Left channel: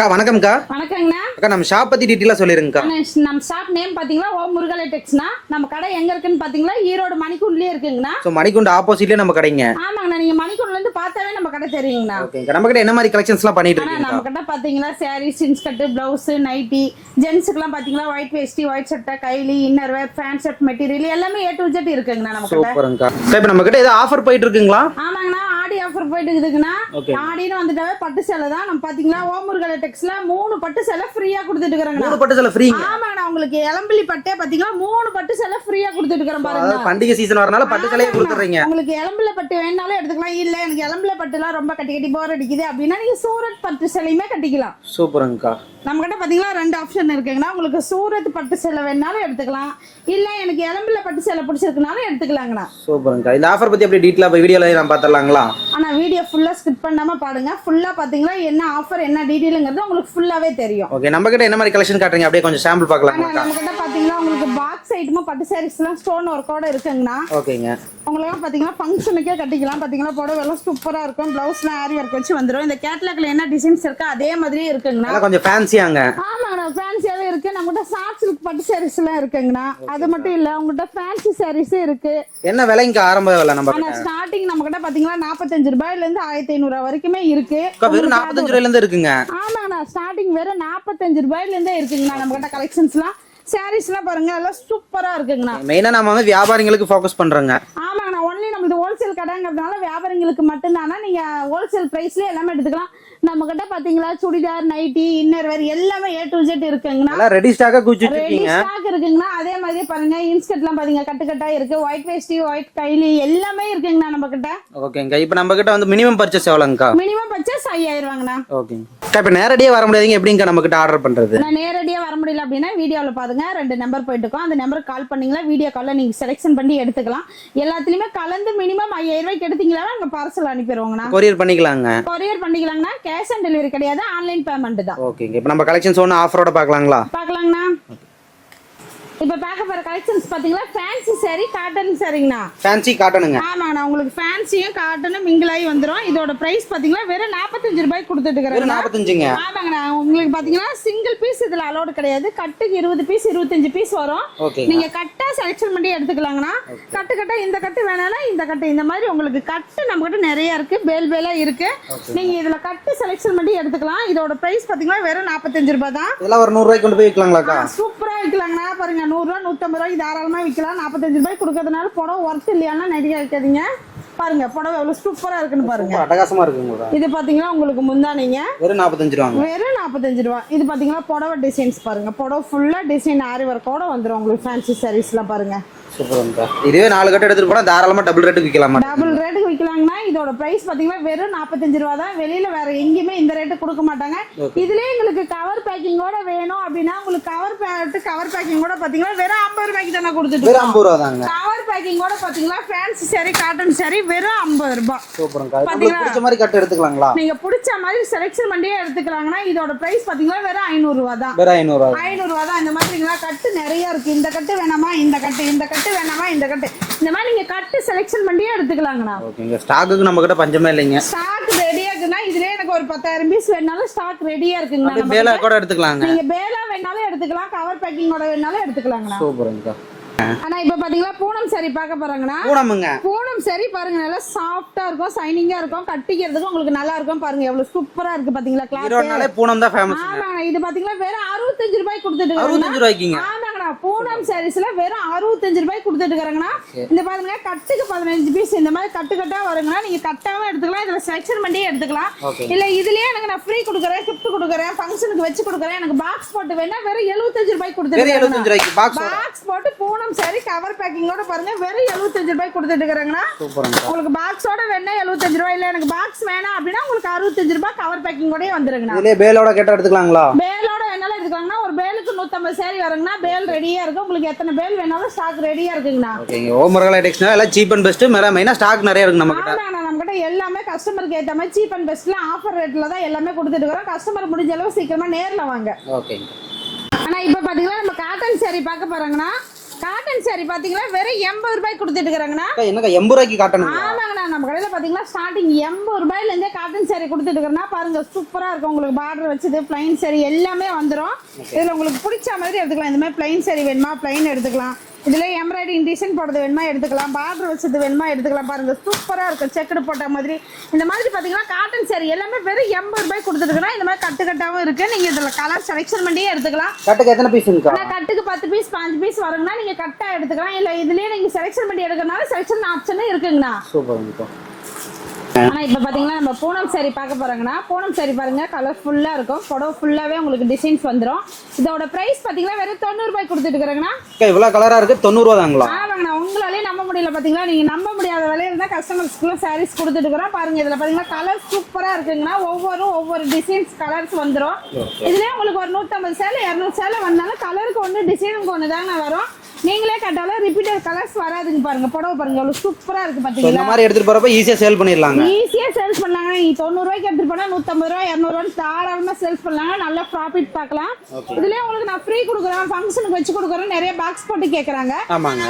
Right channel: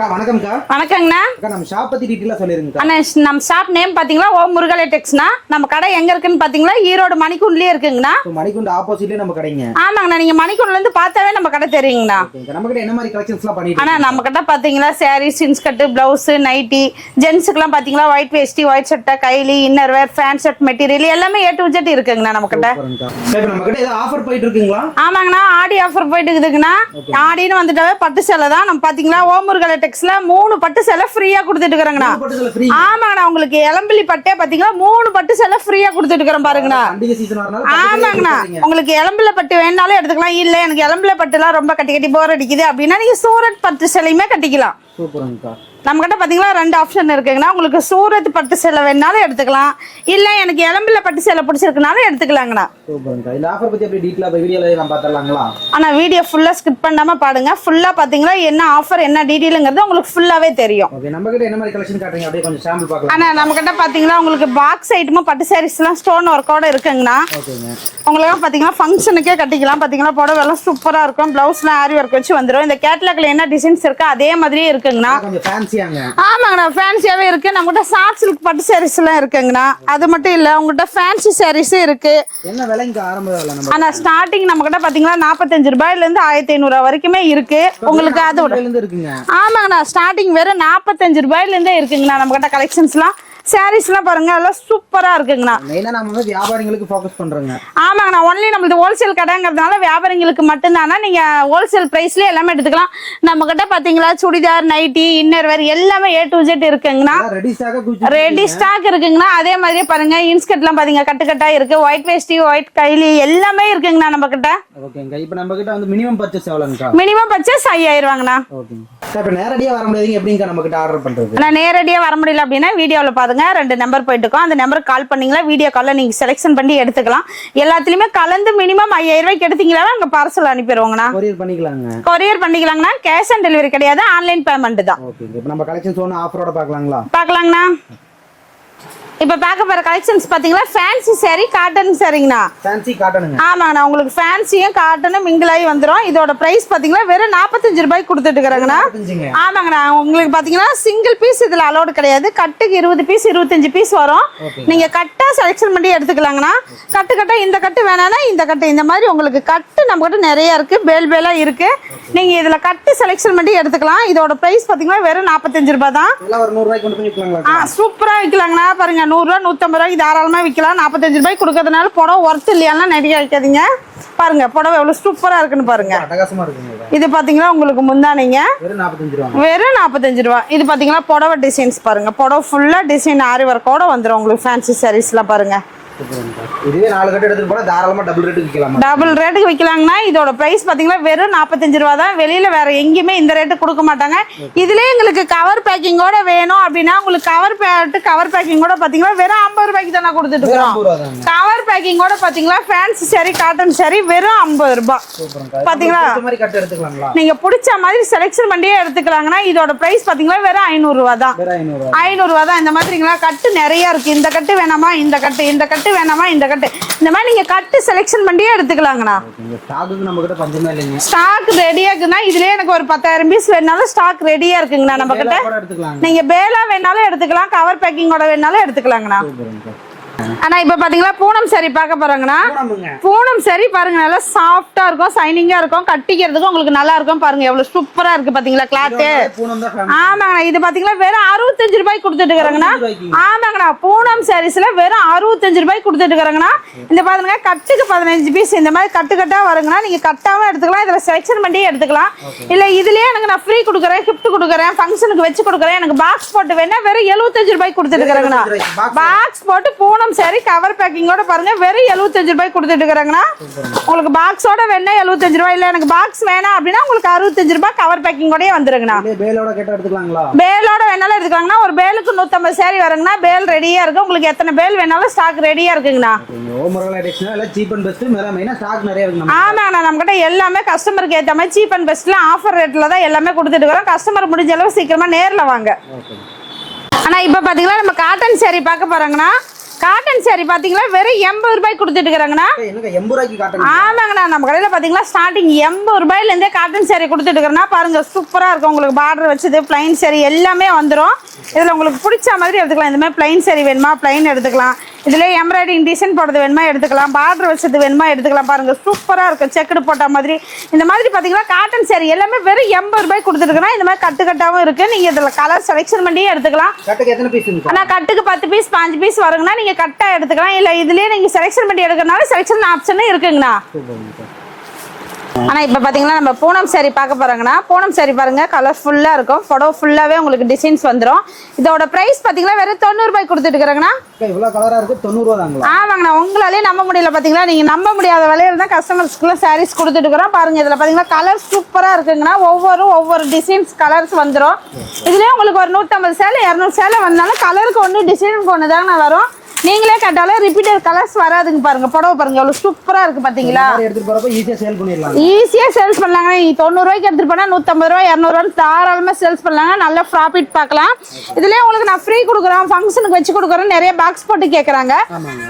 அக்கா வணக்கம்க்கா. வணக்கங்கண்ணா. அக்கா நம்ம ஷாப் பத்தி டீடைலா சொல்லிருங்கக்கா. அண்ணா நம்ம ஷாப் நேம் பாத்தீங்களா ஓம் முருகலை டெக்ஸ்னா. நம்ம கடை எங்க இருக்குன்னு பாத்தீங்களா ஈரோடு மணிக்குண்டலயே இருக்குங்கண்ணா. சோ மணிக்குண்டு ஆப்போசிட்லயே நம்ம கடைங்க. ஆமாங்கண்ணா, நீங்க மணிக்குண்டல இருந்து பார்த்தாவே நம்ம கடை தெரியுங்கண்ணா. ஓகேங்க. நம்ம கிட்ட என்ன மாதிரி கலெக்ஷன்ஸ்லாம் பண்ணிட்டு இருக்கீங்க? நம்ம கிட்ட பாத்தீங்களா சாரீஸ், இன்ஸ்கர்ட், பிளவுஸ், நைட்டி, ஜென்ஸ்க்குலாம் பாத்தீங்களா ஒயிட் வேஷ்டி, ஒயிட் சட்டை, கைலி, inner wear, pant shirt material எல்லாமே A to Z இருக்குங்கண்ணா நம்ம கிட்ட. சூப்பர்ங்கா. இப்போ நம்ம கிட்ட ஏதோ ஆஃபர் போயிட்டு இருக்குங்களா? ஆமாங்கண்ணா, ஆடி ஆஃபர் போயிட்டு இருக்குதுங்கண்ணா. ஆடின்னு வந்துட்டாவே பட்டு சேலை தான். நம்ம பாத்தீங்களா ஓம் முருகலை டெக்ஸ்ல 3 பட்டு சேலை ஃப்ரீயா கொடுத்துட்டு இருக்காங்கண்ணா. 3 பட்டு சேலை ஃப்ரீ. ஆமாங்கண்ணா, உங்களுக்கு எலம்பிலி பட்டே பாத்தீங்களா 3 பட்டு சேலை ஃப்ரீயா கொடுத்துட்டு இருக்கறோம் பாருங்கண்ணா. பண்டிகை சீசன் வரனால பட்டு சேலை கொடுக்குறீங்க. உங்களுக்கு எலம்பிலி பட்டு வேணாலும் எடுத்துக்கலாம். இல்ல எனக்கு எலம்பிலி பட்டுலாம் ரொம்ப கட்டி போர் அடிக்குது அப்படின்னா நீங்க சூரத் பட்டு சேலையுமே கட்டிக்கலாம். சூப்பர்ங்கா. நம்ம கிட்ட பாத்தீங்களா 2 ஆப்ஷன் இருக்குங்கண்ணா. உங்களுக்கு சூரத் பட்டு சேலை வேணாலும் எடுத்துக்கலாம். இல்ல எனக்கு எலம்பிலி பட்டு சேலை பிடிச்சிருக்குனாலும் எடுத்துக்கலாங்கண்ணா. சூப்பர்ங்கா. இந்த ஆஃபர் பத்தி அப்படியே டீடைலா போய் வீடியோல நான் பார்த்தறலாங்களா? ஆனா வீடியோ ஃபுல்லா ஸ்கிப் பண்ணாம பாருங்க. ஃபுல்லா பாத்தீங்களா என்ன ஆஃபர் என்ன டீடைல்ங்கிறது உங்களுக்கு ஃபுல்லாவே தெரியும். ஓகே. நம்ம கிட்ட என்ன மாதிரி கலெக்ஷன் காட்டுறீங்க அப்படியே கொஞ்சம் சாம்பிள் பார்க்கலாம். ஆனா நம்ம கிட்ட பாத்தீங்களா உங்களுக்கு பாக்ஸ் ஐட்டமும் பட்டு சாரீஸ்லாம் ஸ்டோன் ஒர்க்கோட இருக்குங்கண்ணா. ஓகேங்க. உங்களுக்கு பாத்தீங்கன்னா ஃபங்க்ஷனுக்கே கட்டிக்கலாம். பாத்தீங்களா புடவை எல்லாம் சூப்பரா இருக்கும். பிளவுஸ்லாம் ஆரி ஒர்க் வச்சு வந்துரும். இந்த கேட்டலாக்ல என்ன டிசைன்ஸ் இருக்கு அதே மாதிரியே இருக்குங்கண்ணா. கொஞ்சம் ஃபேன்சியாங்க. ஆமாங்கண்ணா, ஃபேன்சியாவே இருக்கு. நம்ம கிட்ட சாஃப்ட் சில்க் பட்டு சாரீஸ் எல்லாம் இருக்குங்கண்ணா. அது மட்டும் இல்ல உங்ககிட்ட ஃபேன்சி சாரீஸும் இருக்கு. என்ன விலைங்க ஆரம்ப விலை? நம்ம ஆனா ஸ்டார்டிங் நம்ம கிட்ட பாத்தீங்கன்னா 45 ரூபாயில இருந்து 1500 வரைக்குமே இருக்கு. உங்களுக்கு அது இருந்து இருக்குங்க. ஆமாங்கண்ணா, ஸ்டார்டிங் வெறும் 45 ரூபாயில இருந்தே இருக்குங்கண்ணா. நம்ம கிட்ட கலெக்ஷன்ஸ்லாம் சாரீஸ்லாம் பாருங்க எல்லாம் சூப்பரா இருக்குங்கண்ணா. மெயினா நம்ம வந்து வியாபாரிகளுக்கு ஃபோக்கஸ் பண்றோங்க. ஆமாங்கண்ணா, ஒன்லி நம்மளது ஹோல்சேல் கடைங்கிறதுனால வியாபாரிகளுக்கு மட்டும்தானா நீங்க ஹோல்சேல் பிரைஸ்ல எல்லாமே எடுத்துக்கலாம். நம்ம கிட்ட பாத்தீங்களா சுடிதார், நைட்டி, இன்னர் வேர் எல்லாமே A to Z இருக்குங்கண்ணா. ரெடி ஸ்டாக் இருக்குங்கண்ணா. அதே மாதிரியே பாருங்க இன்ஸ்கர்ட்லாம் பாத்தீங்க கட்டுக்கட்டா இருக்கு. ஒயிட் வேஷ்டி, ஒயிட் கைலி எல்லாமே இருக்குங்கண்ணா நம்ம கிட்ட. ஓகேங்க. இப்போ நம்ம கிட்ட வந்து மினிமம் பர்ச்சேஸ் எவ்வளவுங்கா? மினிமம் பர்ச்சேஸ் 5000 ரூபாங்கண்ணா. ஓகேங்க. இப்போ நேரடியா வர முடியாதீங்க, எப்படிங்க நம்ம கிட்ட ஆர்டர் பண்றது? நான் நேரடியா வர முடியல அப்படின்னா வீடியோல பாருங்க 2 நம்பர் போயிட்டு இருக்கோம். அந்த நம்பருக்கு கால் பண்ணீங்களா வீடியோ கால்ல நீங்க செலக்ஷன் பண்ணி எடுத்துக்கலாம். எல்லாத்துலயுமே கலந்து மினிமம் 5000 ரூபாய்க்கு எடுத்தீங்களா அங்க பார்சல் அனுப்பிடுவாங்கண்ணா. கொரியர் பண்ணிக்கலாங்கண்ணா. கேஷ் ஆன் டெலிவரி கிடையாது, ஆன்லைன் பேமெண்ட் தான். ஓகேங்க. இப்போ நம்ம கலெக்ஷன்ஸ் ஒன்னு ஆஃபரோட பார்க்கலாங்களா? பார்க்கலாங்கண்ணா. இப்ப பார்க்க போற கலெக்ஷன்ஸ் பாத்தீங்களா ஃபேன்சி saree, காட்டன் சாரிங்கண்ணா. ஃபேன்சி காட்டனுங்க. ஆமாங்கண்ணா, உங்களுக்கு ஃபேன்சியும் காட்டனும் மிங்கிள் ஆகி வந்துரும். இதோட பிரைஸ் பாத்தீங்களா வெறும் 45 ரூபாய்க்கு கொடுத்துட்டு இருக்காங்கண்ணா. ஆமாங்கண்ணா, உங்களுக்கு பாத்தீங்கன்னா சிங்கிள் பீஸ் இதுல அலோடு கிடையாது. கட்டுக்கு 20 பீஸ் 25 பீஸ் வரும். நீங்க கட்டா செலக்ஷன் பண்ணி எடுத்துக்கலாங்கண்ணா. கட்டா இந்த கட்டு வேணானா இந்த கட்டு, இந்த மாதிரி உங்களுக்கு கட்டு நம்ம கிட்ட நிறைய இருக்கு. பேலா இருக்கு. நீங்க இதுல கட்டு செலக்ஷன் பண்ணி எடுத்துக்கலாம். இதோட பிரைஸ் பாத்தீங்கன்னா வெறும் 45 ரூபாய் தான். இதெல்லாம் ஒரு 100 ரூபாய்க்கு கொண்டு போய் விக்கலாங்களா? சூப்பரா விக்கலாங்கண்ணா. பாருங்க 100 ரூபாய் 150 ரூபாய்க்கு தாராளமா விக்கலாம். 45 ரூபாய்க்கு கொடுக்கறதுனால புடவை ஒர்த் இல்லையானா நிறைய வைக்காதீங்க. பாருங்க புடவை எவ்வளவு சூப்பரா இருக்குன்னு பாருங்க. அட்டகாசமா இருக்குங்க. இது பாத்தீங்கன்னா உங்களுக்கு முந்தானீங்க வெறும் 45 ரூபாய். வெறும் 45 ரூபாய். இது பாத்தீங்கன்னா புடவை டிசைன்ஸ் பாருங்க. புடவை ஃபுல்லா டிசைன் ஆரி ஒர்க்கோட வந்துரும். உங்களுக்கு ஃபேன்சி சாரீஸ்லாம் பாருங்க. இதுவே 4 கட்டு எடுத்துட்டு போனா தாராளமா டபுள் ரேட்டுக்கு விக்கலாம். டபுள் ரேட்டுக்கு விக்கலாங்கன்னா இதோட பிரைஸ் பாத்தீங்கன்னா வெறும் 45 ரூபாய் தான். வெளியில வேற எங்கேயுமே இந்த ரேட்டு கொடுக்க மாட்டாங்க. இதுலயே உங்களுக்கு கவர் பேக்கிங்கோட வேணும் அப்படின்னா உங்களுக்கு கவர் பேக்கிங்கோட பாத்தீங்கன்னா வெறும் 50 ரூபாய்க்கு தானே கொடுத்துட்டு இருக்கோம். கவர் பேக்கிங்கோட பாத்தீங்களா ஃபேன்சி சாரி, காட்டன் சாரி வெறும் 50 ரூபாய். பாத்தீங்களா இந்த மாதிரி கட்டு எடுத்துக்கலாங்களா? நீங்க பிடிச்ச மாதிரி செலக்ஷன் பண்ணியே எடுத்துக்கலாங்கன்னா இதோட பிரைஸ் பாத்தீங்கன்னா வெறும் 500 ரூபாய் தான். 500 ரூபாய் தான். இந்த மாதிரிங்களா கட்டு நிறைய இருக்கு. இந்த கட்டு வேணாமா இந்த கட்டு வேணாமா இந்த கட்டு, இந்த மாதிரி நீங்க கட்டு செலக்ஷன் பண்ணியே எடுத்துக்கலாங்கண்ணா. ஓகேங்க. ஸ்டாக்குக்கு நம்ம கிட்ட பஞ்சமே இல்லைங்க. ஸ்டாக் ரெடியா இருக்குன்னா இதுலயே எனக்கு ஒரு 10000 பீஸ் வேணாலும் ஸ்டாக் ரெடியா இருக்குங்கண்ணா. நம்ம கிட்ட எடுத்துக்கலாங்க. நீங்க பேலா வேணாலும் எடுத்துக்கலாம், கவர் பேக்கிங்கோட வேணாலும் எடுத்துக்கலாங்கண்ணா. சூப்பர்ங்க. ஆனா இப்ப பாத்தீங்களா பூனம் சாரி பார்க்க போறாங்கண்ணா. பூனம் சாரி பாருங்க நல்லா சாஃப்டா இருக்கும், சைனிங்கா இருக்கும், கட்டிக்கிறதுக்கு உங்களுக்கு நல்லா இருக்கும். பாருங்க எவ்வளவு சூப்பரா இருக்கு பாத்தீங்களா கிளாத். ஆமாங்கண்ணா, இது பாத்தீங்களா வெறும் 65 ரூபாய்க்கு கொடுத்துட்டு இருக்காங்கண்ணா. ஆமாங்கண்ணா, பூனம் சாரீஸ்ல வெறும் 65 ரூபாய்க்கு கொடுத்துட்டு இருக்காங்கண்ணா. இந்த பாருங்க கட்டுக்கு 15 பீஸ் இந்த மாதிரி கட்டா வருங்கண்ணா. நீங்க கட்டாம எடுத்துக்கலாம், இதுல செலக்ஷன் பண்ணி எடுத்துக்கலாம். இல்ல இதுலயே எனக்கு நான் ஃப்ரீ கொடுக்குறேன், கிஃப்ட் கொடுக்குறேன், ஃபங்க்ஷனுக்கு வச்சு கொடுக்குறேன், எனக்கு பாக்ஸ் போட்டு வேணா வெறும் 75 ரூபாய்க்கு கொடுத்துட்டு இருக்காங்கண்ணா. பாக்ஸ் போட்டு பூனம் சாரி கவர் பேக்கிங்கோட பாருங்க வெறும் 75 ரூபாய்க்கு கொடுத்துட்டு இருக்காங்கண்ணா. உங்களுக்கு பாக்ஸோட வேணா 75 ரூபாய். இல்ல எனக்கு பாக்ஸ் வேணாம் அப்படின்னா உங்களுக்கு 65 ரூபாய் கவர் பேக்கிங்கோடயே வந்துருங்கண்ணா. பேலோட கேட்டா எடுத்துக்கலாங்களா? பேலோட வேணாலும் எடுத்துக்கலாங்கண்ணா. ஒரு பேலுக்கு 150 சாரி வருங்கண்ணா. பேல் ரெடியா இருக்கு. உங்களுக்கு எத்தனை பேல் வேணாலும் ஸ்டாக் ரெடியா இருக்குங்கண்ணா. ஓம் முருகலை டெக்ஸ்னா எல்லாம் சீப் அண்ட் பெஸ்ட். மெயினா ஸ்டாக் நிறைய இருக்கு நம்ம. ஆமாங்கண்ணா, நம்ம கிட்ட எல்லாமே கஸ்டமருக்கு ஏத்த மாதிரி சீப் அண்ட் பெஸ்ட்ல ஆஃபர் ரேட்ல தான் எல்லாமே கொடுத்துட்டு இருக்கோம். கஸ்டமர் முடிஞ்ச அளவு சீக்கிரமா நேர்ல வாங்க. ஓகே. ஆனா இப்ப பாத்தீங்கன்னா நம்ம காட்டன் சாரி பார்க்க போறாங்கண்ணா. காட்டன் saree பாத்தீங்களா வெறும் 80 ரூபாய் கொடுத்துட்டு இருக்காங்கண்ணா. என்னங்க 80 ரூபாய்க்கு காட்டன்? ஆமாங்கண்ணா, நம்ம கடையில பாத்தீங்களா ஸ்டார்டிங் 80 ரூபாயில இருந்தே காட்டன் saree கொடுத்துட்டு இருக்கறனா பாருங்க. சூப்பரா இருக்கும். உங்களுக்கு பார்டர் வச்சது plain saree எல்லாமே வந்துரும். இதுல உங்களுக்கு பிடிச்ச மாதிரி எடுத்துக்கலாம். இந்த மாதிரி plain saree வேணுமா plain எடுத்துக்கலாம். இதுல எம்ப்ராய்டிங் டிசைன் போடுறது வேணுமா எடுத்துக்கலாம். பார்டர் வச்சது வேணுமா எடுத்துக்கலாம். பாருங்க சூப்பரா இருக்கும். செக்குடு போட்ட மாதிரி இந்த மாதிரி பாத்தீங்கன்னா காட்டன் saree எல்லாமே வெறும் 80 ரூபாய் கொடுத்துட்டு இருக்கறனா. இந்த மாதிரி கட்டு கட்டாவும் இருக்கு. நீங்க இதுல கலர் செலக்ஷன் பண்ணி எடுத்துக்கலாம். கட்டுக்கு எத்தனை பீஸ் இருக்கு? ஆனா கட்டுக்கு 10 பீஸ் 5 பீஸ் வருங்கண்ணா. நீங்க கட்டா எடுத்துக்கலாம். இல்ல இதுலயே நீங்க செலக்ஷன் பண்ணி எடுக்கறனால செலக்ஷன் ஆப்ஷன் இருக்குங்கண்ணா. சூப்பர்ங்க. ஆனா இப்ப பாத்தீங்கன்னா நம்ம பூனம் saree பார்க்க போறாங்கன்னா பூனம் saree பாருங்க கலர்ஃபுல்லா இருக்கும். புடவை ஃபுல்லாவே உங்களுக்கு டிசைன்ஸ் வந்துரும். இதோட பிரைஸ் பாத்தீங்கன்னா வெறும் 90 ரூபாய் கொடுத்துட்டு இருக்காங்கண்ணா. இவ்வளவு கலரா இருக்கு 90 ரூபாய் தாங்களா? ஆமாங்கண்ணா, உங்களாலே நம்ப முடியல பாத்தீங்களா. நீங்க நம்ப முடியாத விலையில தான் கஸ்டமர்ஸ்க்குள்ள sarees கொடுத்துட்டு இருக்கிறோம். பாருங்க இதுல பாத்தீங்கன்னா கலர் சூப்பரா இருக்குங்கண்ணா. ஒவ்வொரு டிசைன்ஸ் கலர்ஸ் வந்துரும். இதுலயே உங்களுக்கு ஒரு 150 சேலை 200 சேலை வந்தாலும் கலருக்கு ஒன்று டிசைனுக்கு ஒன்று தாங்க வரும். நீங்களே கேட்டாலும் ரிப்பீட்டட் கலர்ஸ் வராதுங்க. பாருங்க புடவை பாருங்க எவ்வளவு சூப்பரா இருக்கு பாத்தீங்களா. இந்த மாதிரி எடுத்துட்டு போறப்ப ஈஸியா சேல் பண்ணிடலாம். ஈஸியா சேல்ஸ் பண்ணலாங்க. 90 ரூபாய்க்கு எடுத்துட்டு போனா 150 ரூபாய் 200 ரூபாய் தாராளமா சேல்ஸ் பண்ணலாங்க. நல்ல ப்ராஃபிட் பார்க்கலாம். இதுலயே உங்களுக்கு நான் ஃப்ரீ கொடுக்குறேன், ஃபங்க்ஷனுக்கு வச்சு கொடுக்குறேன். நிறைய பாக்ஸ் போட்டு கேக்குறாங்க.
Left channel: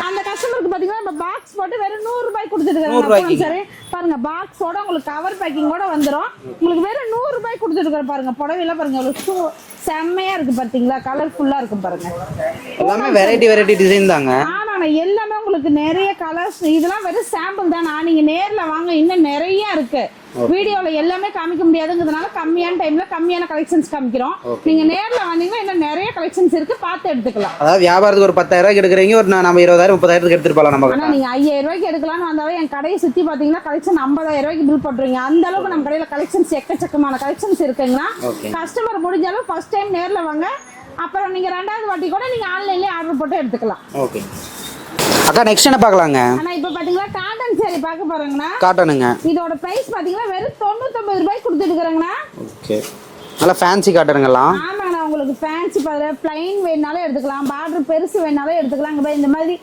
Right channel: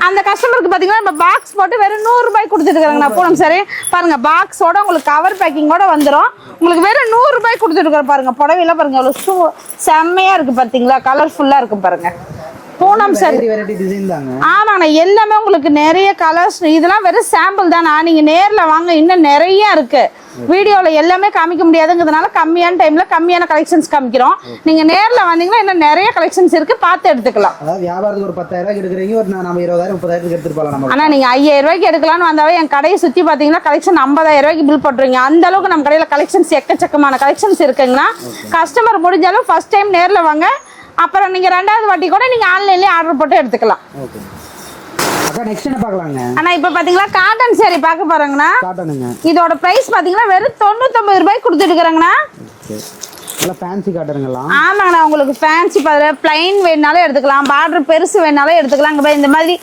அந்த கஸ்டமருக்கு பாத்தீங்கன்னா நம்ம பாக்ஸ் போட்டு வெறும் 100 ரூபாய் கொடுத்துட்டு இருக்காங்க. பூனம் saree பாருங்க பாக்ஸோட உங்களுக்கு கவர் பேக்கிங்கோட வந்துரும். உங்களுக்கு வெறும் 100 ரூபாய் கொடுத்துட்டு இருக்காங்க. பாருங்க புடவையில பாருங்க எவ்வளவு செம்மையா இருக்கு பாத்தீங்களா. கலர்ஃபுல்லா இருக்கு பாருங்க. பூனம் வெரைட்டி டிசைன் தாங்க. ஆமாங்க, எல்லாமே உங்களுக்கு நிறைய கலர்ஸ். இதெல்லாம் வெறும் சாம்பிள் தானா. நீங்க நேர்ல வாங்க, இன்னும் நிறைய இருக்கு. வீடியோல எல்லாமே காமிக்க முடியாதுங்கிறதுனால கம்மியான டைம்ல கம்மியான கலெக்ஷன்ஸ் காமிக்கிறோம். நீங்க நேர்ல வந்தீங்கன்னா இன்னும் நிறைய கலெக்ஷன்ஸ் இருக்கு, பார்த்து எடுத்துக்கலாம். அதாவது வியாபாரத்துக்கு ஒரு 10,000 ரூபாய்க்கு எடுக்கிறீங்க, ஒரு நம்ம 20,000 30,000 எடுத்துட்டு போலாம் நம்ம. ஆனா நீங்க 5,000 ரூபாய்க்கு எடுக்கலாம்னு வந்தாவே என் கடையை சுத்தி பாத்தீங்கன்னா கலெக்ஷன் 50,000 ரூபாய்க்கு பில் போட்டுருவீங்க. அந்த அளவுக்கு நம்ம கடையில கலெக்ஷன்ஸ் எக்கச்சக்கமான கலெக்ஷன்ஸ் இருக்குங்கன்னா கஸ்டமர் முடிஞ்சாலும் ஃபர்ஸ்ட் டைம் நேர்ல வாங்க. அப்புறம் நீங்க ரெண்டாவது வாட்டி கூட நீங்க ஆன்லைன்லயே ஆர்டர் போட்டு எடுத்துக்கலாம். ஓகே அக்கா, நெக்ஸ்ட் என்ன பார்க்கலாங்க? ஆனா இப்ப பாத்தீங்களா காட்டன் saree பார்க்க போறாங்கண்ணா. காட்டனுங்க. இதோட பிரைஸ் பாத்தீங்கன்னா வெறும் 99 ரூபாய் கொடுத்துட்டு இருக்காங்கண்ணா. ஓகே, நல்ல ஃபேன்சி காட்டனுங்கலாம். ஆமாங்கண்ணா, உங்களுக்கு ஃபேன்சி பிளைன் வேணாலும் எடுத்துக்கலாம். பார்டர் பெருசு வேணாலும் எடுத்துக்கலாம். இந்த மாதிரி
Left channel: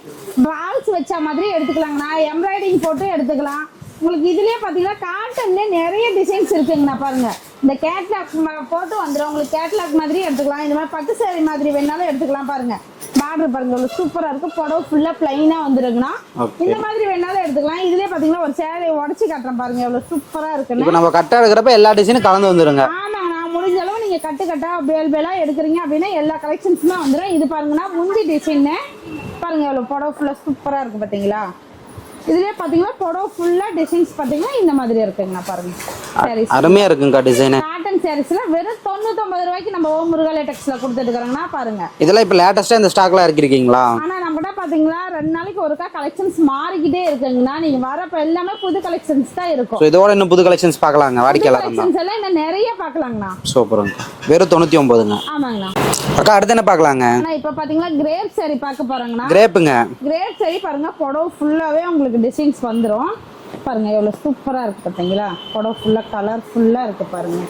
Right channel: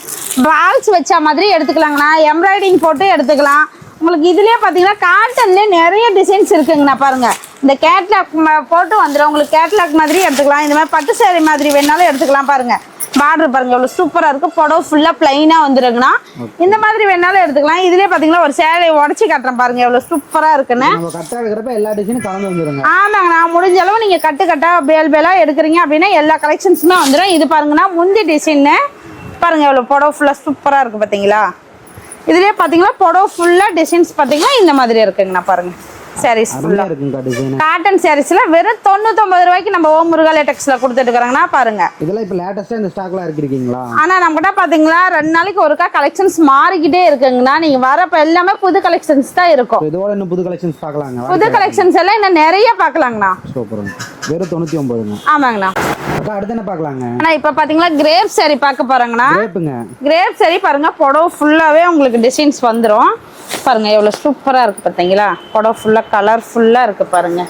பால்ஸ் வச்ச மாதிரி எடுத்துக்கலாங்கண்ணா. எம்ப்ராய்டிங் போட்டு எடுத்துக்கலாம். உங்களுக்கு இதுலயே பாத்தீங்கன்னா காட்டன்ல நிறைய டிசைன்ஸ் இருக்குங்கண்ணா. பாருங்க இந்த கேட்லாக் போட்டு வந்துடும். உங்களுக்கு கேட்லாக் மாதிரி எடுத்துக்கலாம். இந்த மாதிரி பட்டு saree மாதிரி வேணாலும் எடுத்துக்கலாம். பாருங்க பார்டர் பாருங்க எவ்வளவு சூப்பரா இருக்கு. புடவை ஃபுல்லா பிளைனா வந்துருங்கண்ணா. இந்த மாதிரி வேணாலும் எடுத்துக்கலாம். இதுலயே பாத்தீங்கன்னா ஒரு சேலையை உடச்சி காட்டுறேன் பாருங்க எவ்வளவு சூப்பரா இருக்குன்னு. நம்ம கட்டா எடுக்கிறப்ப எல்லா டிசைனும் கலந்து வந்துருங்க. ஆமாங்க, நான் முடிஞ்ச அளவு நீங்க கட்டு கட்டா பேல் பேலா எடுக்கிறீங்க அப்படின்னா எல்லா கலெக்ஷன்ஸுமே வந்துடும். இது பாருங்கன்னா முந்தி டிசைன் பாருங்க எவ்வளவு புடவை ஃபுல்லா சூப்பரா இருக்கு பாத்தீங்களா. இதுலயே பாத்தீங்கன்னா புடவை ஃபுல்லா டிசைன்ஸ் பாத்தீங்கன்னா இந்த மாதிரி இருக்குங்கண்ணா. பாருங்க sarees அருமையா இருக்குங்க டிசைன். காட்டன் sareesல வெறும் 99 ரூபாய்க்கு நம்ம ஓம் முருகா லேட்டெக்ஸ்ல கொடுத்துட்டு இருக்காங்கண்ணா. பாருங்க இதெல்லாம் இப்ப லேட்டஸ்டா இந்த ஸ்டாக்ல இருக்கீங்களா? ஆனா நம்ம கிட்ட பாத்தீங்களா 2 நாளைக்கு ஒருக்கா கலெக்ஷன்ஸ் மாறிக்கிட்டே இருக்குங்கண்ணா. நீங்க வரப்ப எல்லாமே புது கலெக்ஷன்ஸ் தான் இருக்கும். இதோட இன்னும் புது கலெக்ஷன்ஸ் பார்க்கலாங்க. புது கலெக்ஷன்ஸ் எல்லாம் இன்னும் நிறைய பார்க்கலாங்கண்ணா. சூப்பருங்க. வெறும் 99ங்க. ஆமாங்கண்ணா. அக்கா அடுத்து என்ன பார்க்கலாங்க? ஆனா இப்ப பாத்தீங்களா கிரேப் saree பார்க்க போறாங்கண்ணா. கிரேப்புங்க. கிரேப் saree பாருங்க புடவை ஃபுல்லாவே உங்களுக்கு டிசைன்ஸ் வந்துரும். பாருங்க எவ்வளவு சூப்பரா இருக்கு பாத்தீங்களா. புடவை ஃபுல்லா கலர்ஃபுல்லா இருக்கு பாருங்க.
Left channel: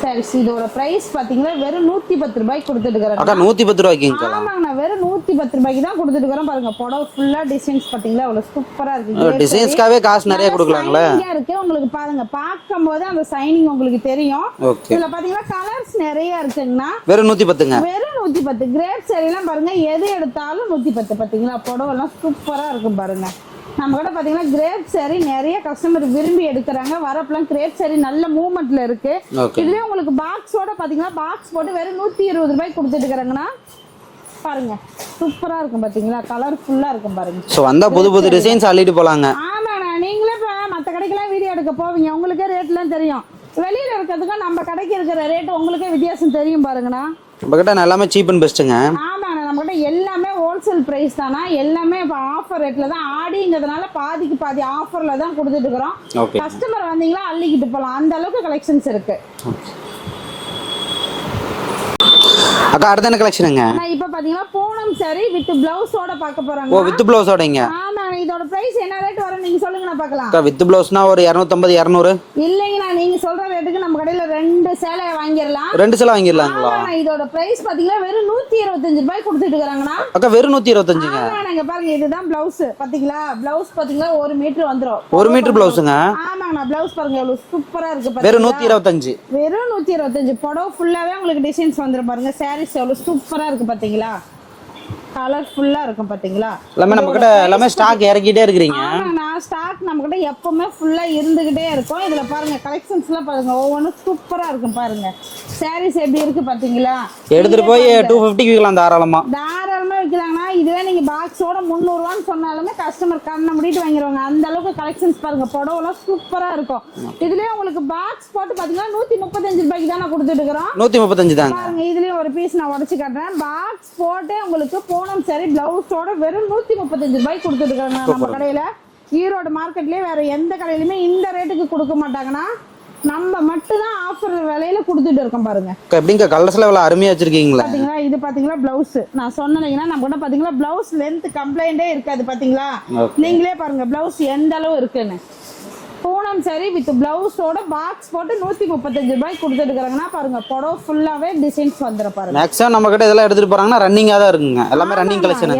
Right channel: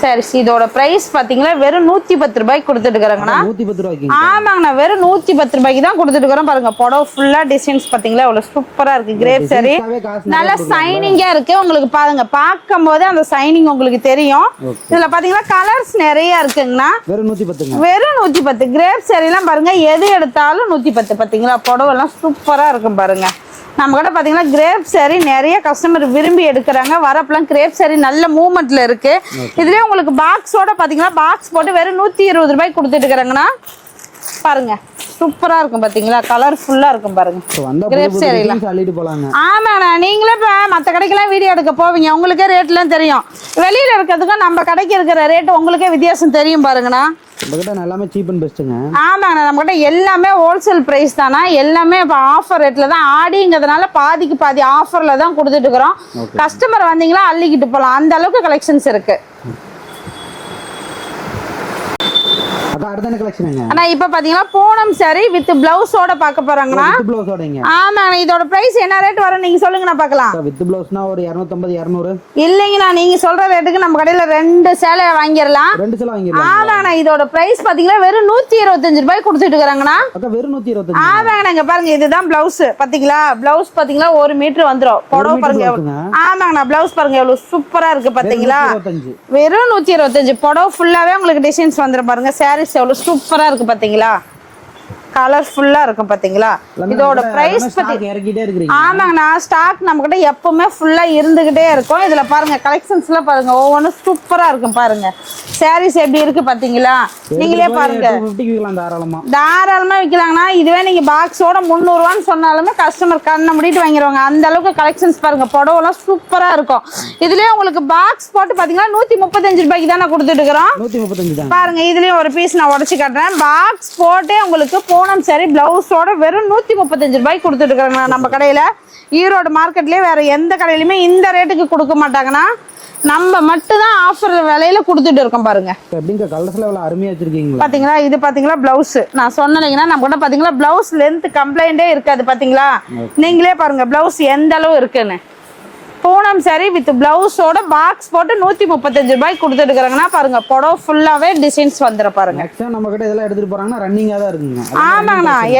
சரி, இதோட பிரைஸ் பாத்தீங்கன்னா வெறும் 110 ரூபாய்க்கு கொடுத்துட்டு இருக்காங்க. 110 ரூபாய்க்கு? ஆமாங்கண்ணா, வெறும் 110 ரூபாய்க்கு தான் கொடுத்துட்டு இருக்கோம். பாருங்க புடவை ஃபுல்லா டிசைன்ஸ் பாத்தீங்களா எவ்வளவு சூப்பரா இருக்கு. கிரேப் saree நல்ல சைனிங்கா இருக்கு. உங்களுக்கு பாருங்க பார்க்கும்போது அந்த சைனிங் உங்களுக்கு தெரியும். இதுல பாத்தீங்கன்னா கலர்ஸ் நிறைய இருக்குங்கண்ணா. வெறும் 110ங்க. வெறும் 110. கிரேப் saree எல்லாம் பாருங்க எது எடுத்தாலும் 110. பாத்தீங்களா புடவை எல்லாம் சூப்பரா இருக்கும் பாருங்க. நம்ம கூட பாத்தீங்கன்னா கிரேப் saree நிறைய கஸ்டமர் விரும்பி எடுக்கிறாங்க. வரப்பெல்லாம் கிரேப் saree நல்ல மூவ்மெண்ட்ல இருக்கு. இதுலயே உங்களுக்கு பாக்ஸோட பாத்தீங்கன்னா பாக்ஸ் போட்டு வெறும் 120 ரூபாய்க்கு கொடுத்துட்டு இருக்காங்கண்ணா. பாருங்க சூப்பரா இருக்கும் பாத்தீங்களா. கலர்ஃபுல்லா இருக்கும் பாருங்க. சோ வந்தா புது புது டிசைன்ஸ் அள்ளிட்டு போலாங்க. ஆமாண்ணா, நீங்களே இப்ப மத்த கடைக்கெல்லாம் வீடியோ எடுக்க போவீங்க, உங்களுக்கே ரேட்லாம் தெரியும். வெளியில இருக்கிறதுக்கும் நம்ம கடைக்கு இருக்கிற ரேட் உங்களுக்கே வித்தியாசம் தெரியும் பாருங்கண்ணா. நம்மகிட்ட எல்லாமே சீப் அண்ட் பெஸ்ட்டுங்க. ஆமாங்கண்ணா, நம்மகிட்ட எல்லாமே ஹோல்சேல் பிரைஸ் தானா. எல்லாமே இப்போ ஆஃபர் ரேட்ல தான். ஆடிங்கிறதுனால பாதிக்கு பாதி ஆஃபர்ல தான் கொடுத்துட்டு இருக்கிறோம். கஸ்டமர் வந்தீங்களா அள்ளிக்கிட்டு போகலாம். அந்த அளவுக்கு கலெக்ஷன்ஸ் இருக்கு. அக்கா அடுத்த என்ன கலெக்ஷனுங்க? ஆனா இப்ப பாத்தீங்கன்னா பூனம் saree வித் பிளவுஸோட பார்க்க போறாங்க. வித் பிளவுஸோடங்க? ஆமாங்க. இதோட பிரைஸ் என்ன ரேட் வரும் நீங்க சொல்லுங்க, நான் பார்க்கலாம். அக்கா வித் பிளவுஸ்னா ஒரு 250 200? இல்லைங்கண்ணா, நீங்க சொல்ற ரேட்டுக்கு நம்ம கடையில 2 சேலை வாங்கிடலாம். 2 சேலை வாங்கிடலாம். ஆமாங்கண்ணா, இதோட பிரைஸ் பாத்தீங்கன்னா வெறும் 125 ரூபாய் கொடுத்துட்டு இருக்காங்கண்ணா. அக்கா வெறும் 125? ஆமாங்கண்ணா. இங்க பாருங்க இதுதான் பிளவுஸ் பாத்தீங்களா. பிளவுஸ் பாத்தீங்கன்னா 1 மீட்டர் வந்துரும். 1 மீட்டர் பிளவுஸ்ங்க? ஆமாங்கண்ணா. பிளவுஸ் பாருங்க எவ்வளவு சூப்பரா இருக்கு பாத்தீங்களா. வெறும் 125? வெறும் 125. புடவை ஃபுல்லாவே உங்களுக்கு டிசைன்ஸ் வந்துரும் பாருங்க. சாரீஸ் எவ்வளவு சூப்பரா இருக்கு பாத்தீங்களா. கலர்ஃபுல்லா இருக்கும் பாத்தீங்களா. எல்லாமே ஸ்டாக் இறக்கிட்டே இருக்கீங்க. ஆமாங்கண்ணா, ஸ்டாக் நம்ம கிட்ட எப்பவுமே ஃபுல்லா இருந்துகிட்டே இருக்கும். இதுல பாருங்க கலெக்ஷன்ஸ்ல பாருங்க ஒவ்வொன்றும் சூப்பரா இருக்கும் பாருங்க. சாரீஸ் எப்படி இருக்கு பாத்தீங்களா. எடுத்துட்டு போய் 250 விக்கலாம் தாராளமா விக்கலாங்கண்ணா. இதுவே நீங்க பாக்ஸோட 300 ரூபான்னு சொன்னாலுமே கஸ்டமர் கண்ணை முடிட்டு வாங்கிடுவாங்க. அந்த அளவுக்கு கலெக்ஷன்ஸ் பாருங்க. புடவெல்லாம் சூப்பரா இருக்கும். இதுலயே உங்களுக்கு பாக்ஸ் போட்டு பாத்தீங்கன்னா 135 ரூபாய்க்கு தான் கொடுத்துட்டு இருக்கிறோம். 135 தான் பாருங்க. இதுலயும் ஒரு பீஸ் நான் உடைச்சு காட்டுறேன். பாக்ஸ் போட்டே உங்களுக்கு பூனம் சாரி பிளவுஸோட வெறும் 135 ரூபாய்க்கு கொடுத்துட்டு இருக்காங்க நம்ம கடையில. ஈரோடு மார்க்கெட்லயே வேற எந்த கடையிலுமே இந்த ரேட்டுக்கு கொடுக்க மாட்டாங்கன்னா நம்ம மட்டும் தான் ஆஃபர் விலையில கொடுத்துட்டு இருக்கோம் பாருங்க. எப்படிங்க கலர்ஸ்ல எவ்வளவு அருமையா வச்சிருக்கீங்களா. பாத்தீங்களா இது பாத்தீங்களா பிளவுஸ். நான் சொன்னீங்கன்னா நம்ம கூட பாத்தீங்களா பிளவுஸ் லென்த் கம்ப்ளைண்டே இருக்காது பாத்தீங்களா. நீங்களே பாருங்க பிளவுஸ் எந்த அளவு இருக்குன்னு. பூனம் சாரி வித் பிளவுஸோட பாக்ஸ் போட்டு 135 ரூபாய்க்கு கொடுத்துட்டு இருக்காங்கன்னா பாருங்க. புடவை ஃபுல்லாவே டிசைன்ஸ் வந்துரும் பாருங்க. மேக்ஸிமம் நம்ம கிட்ட இதெல்லாம் எடுத்துட்டு போறாங்கன்னா ரன்னிங்கா தான் இருக்குங்க.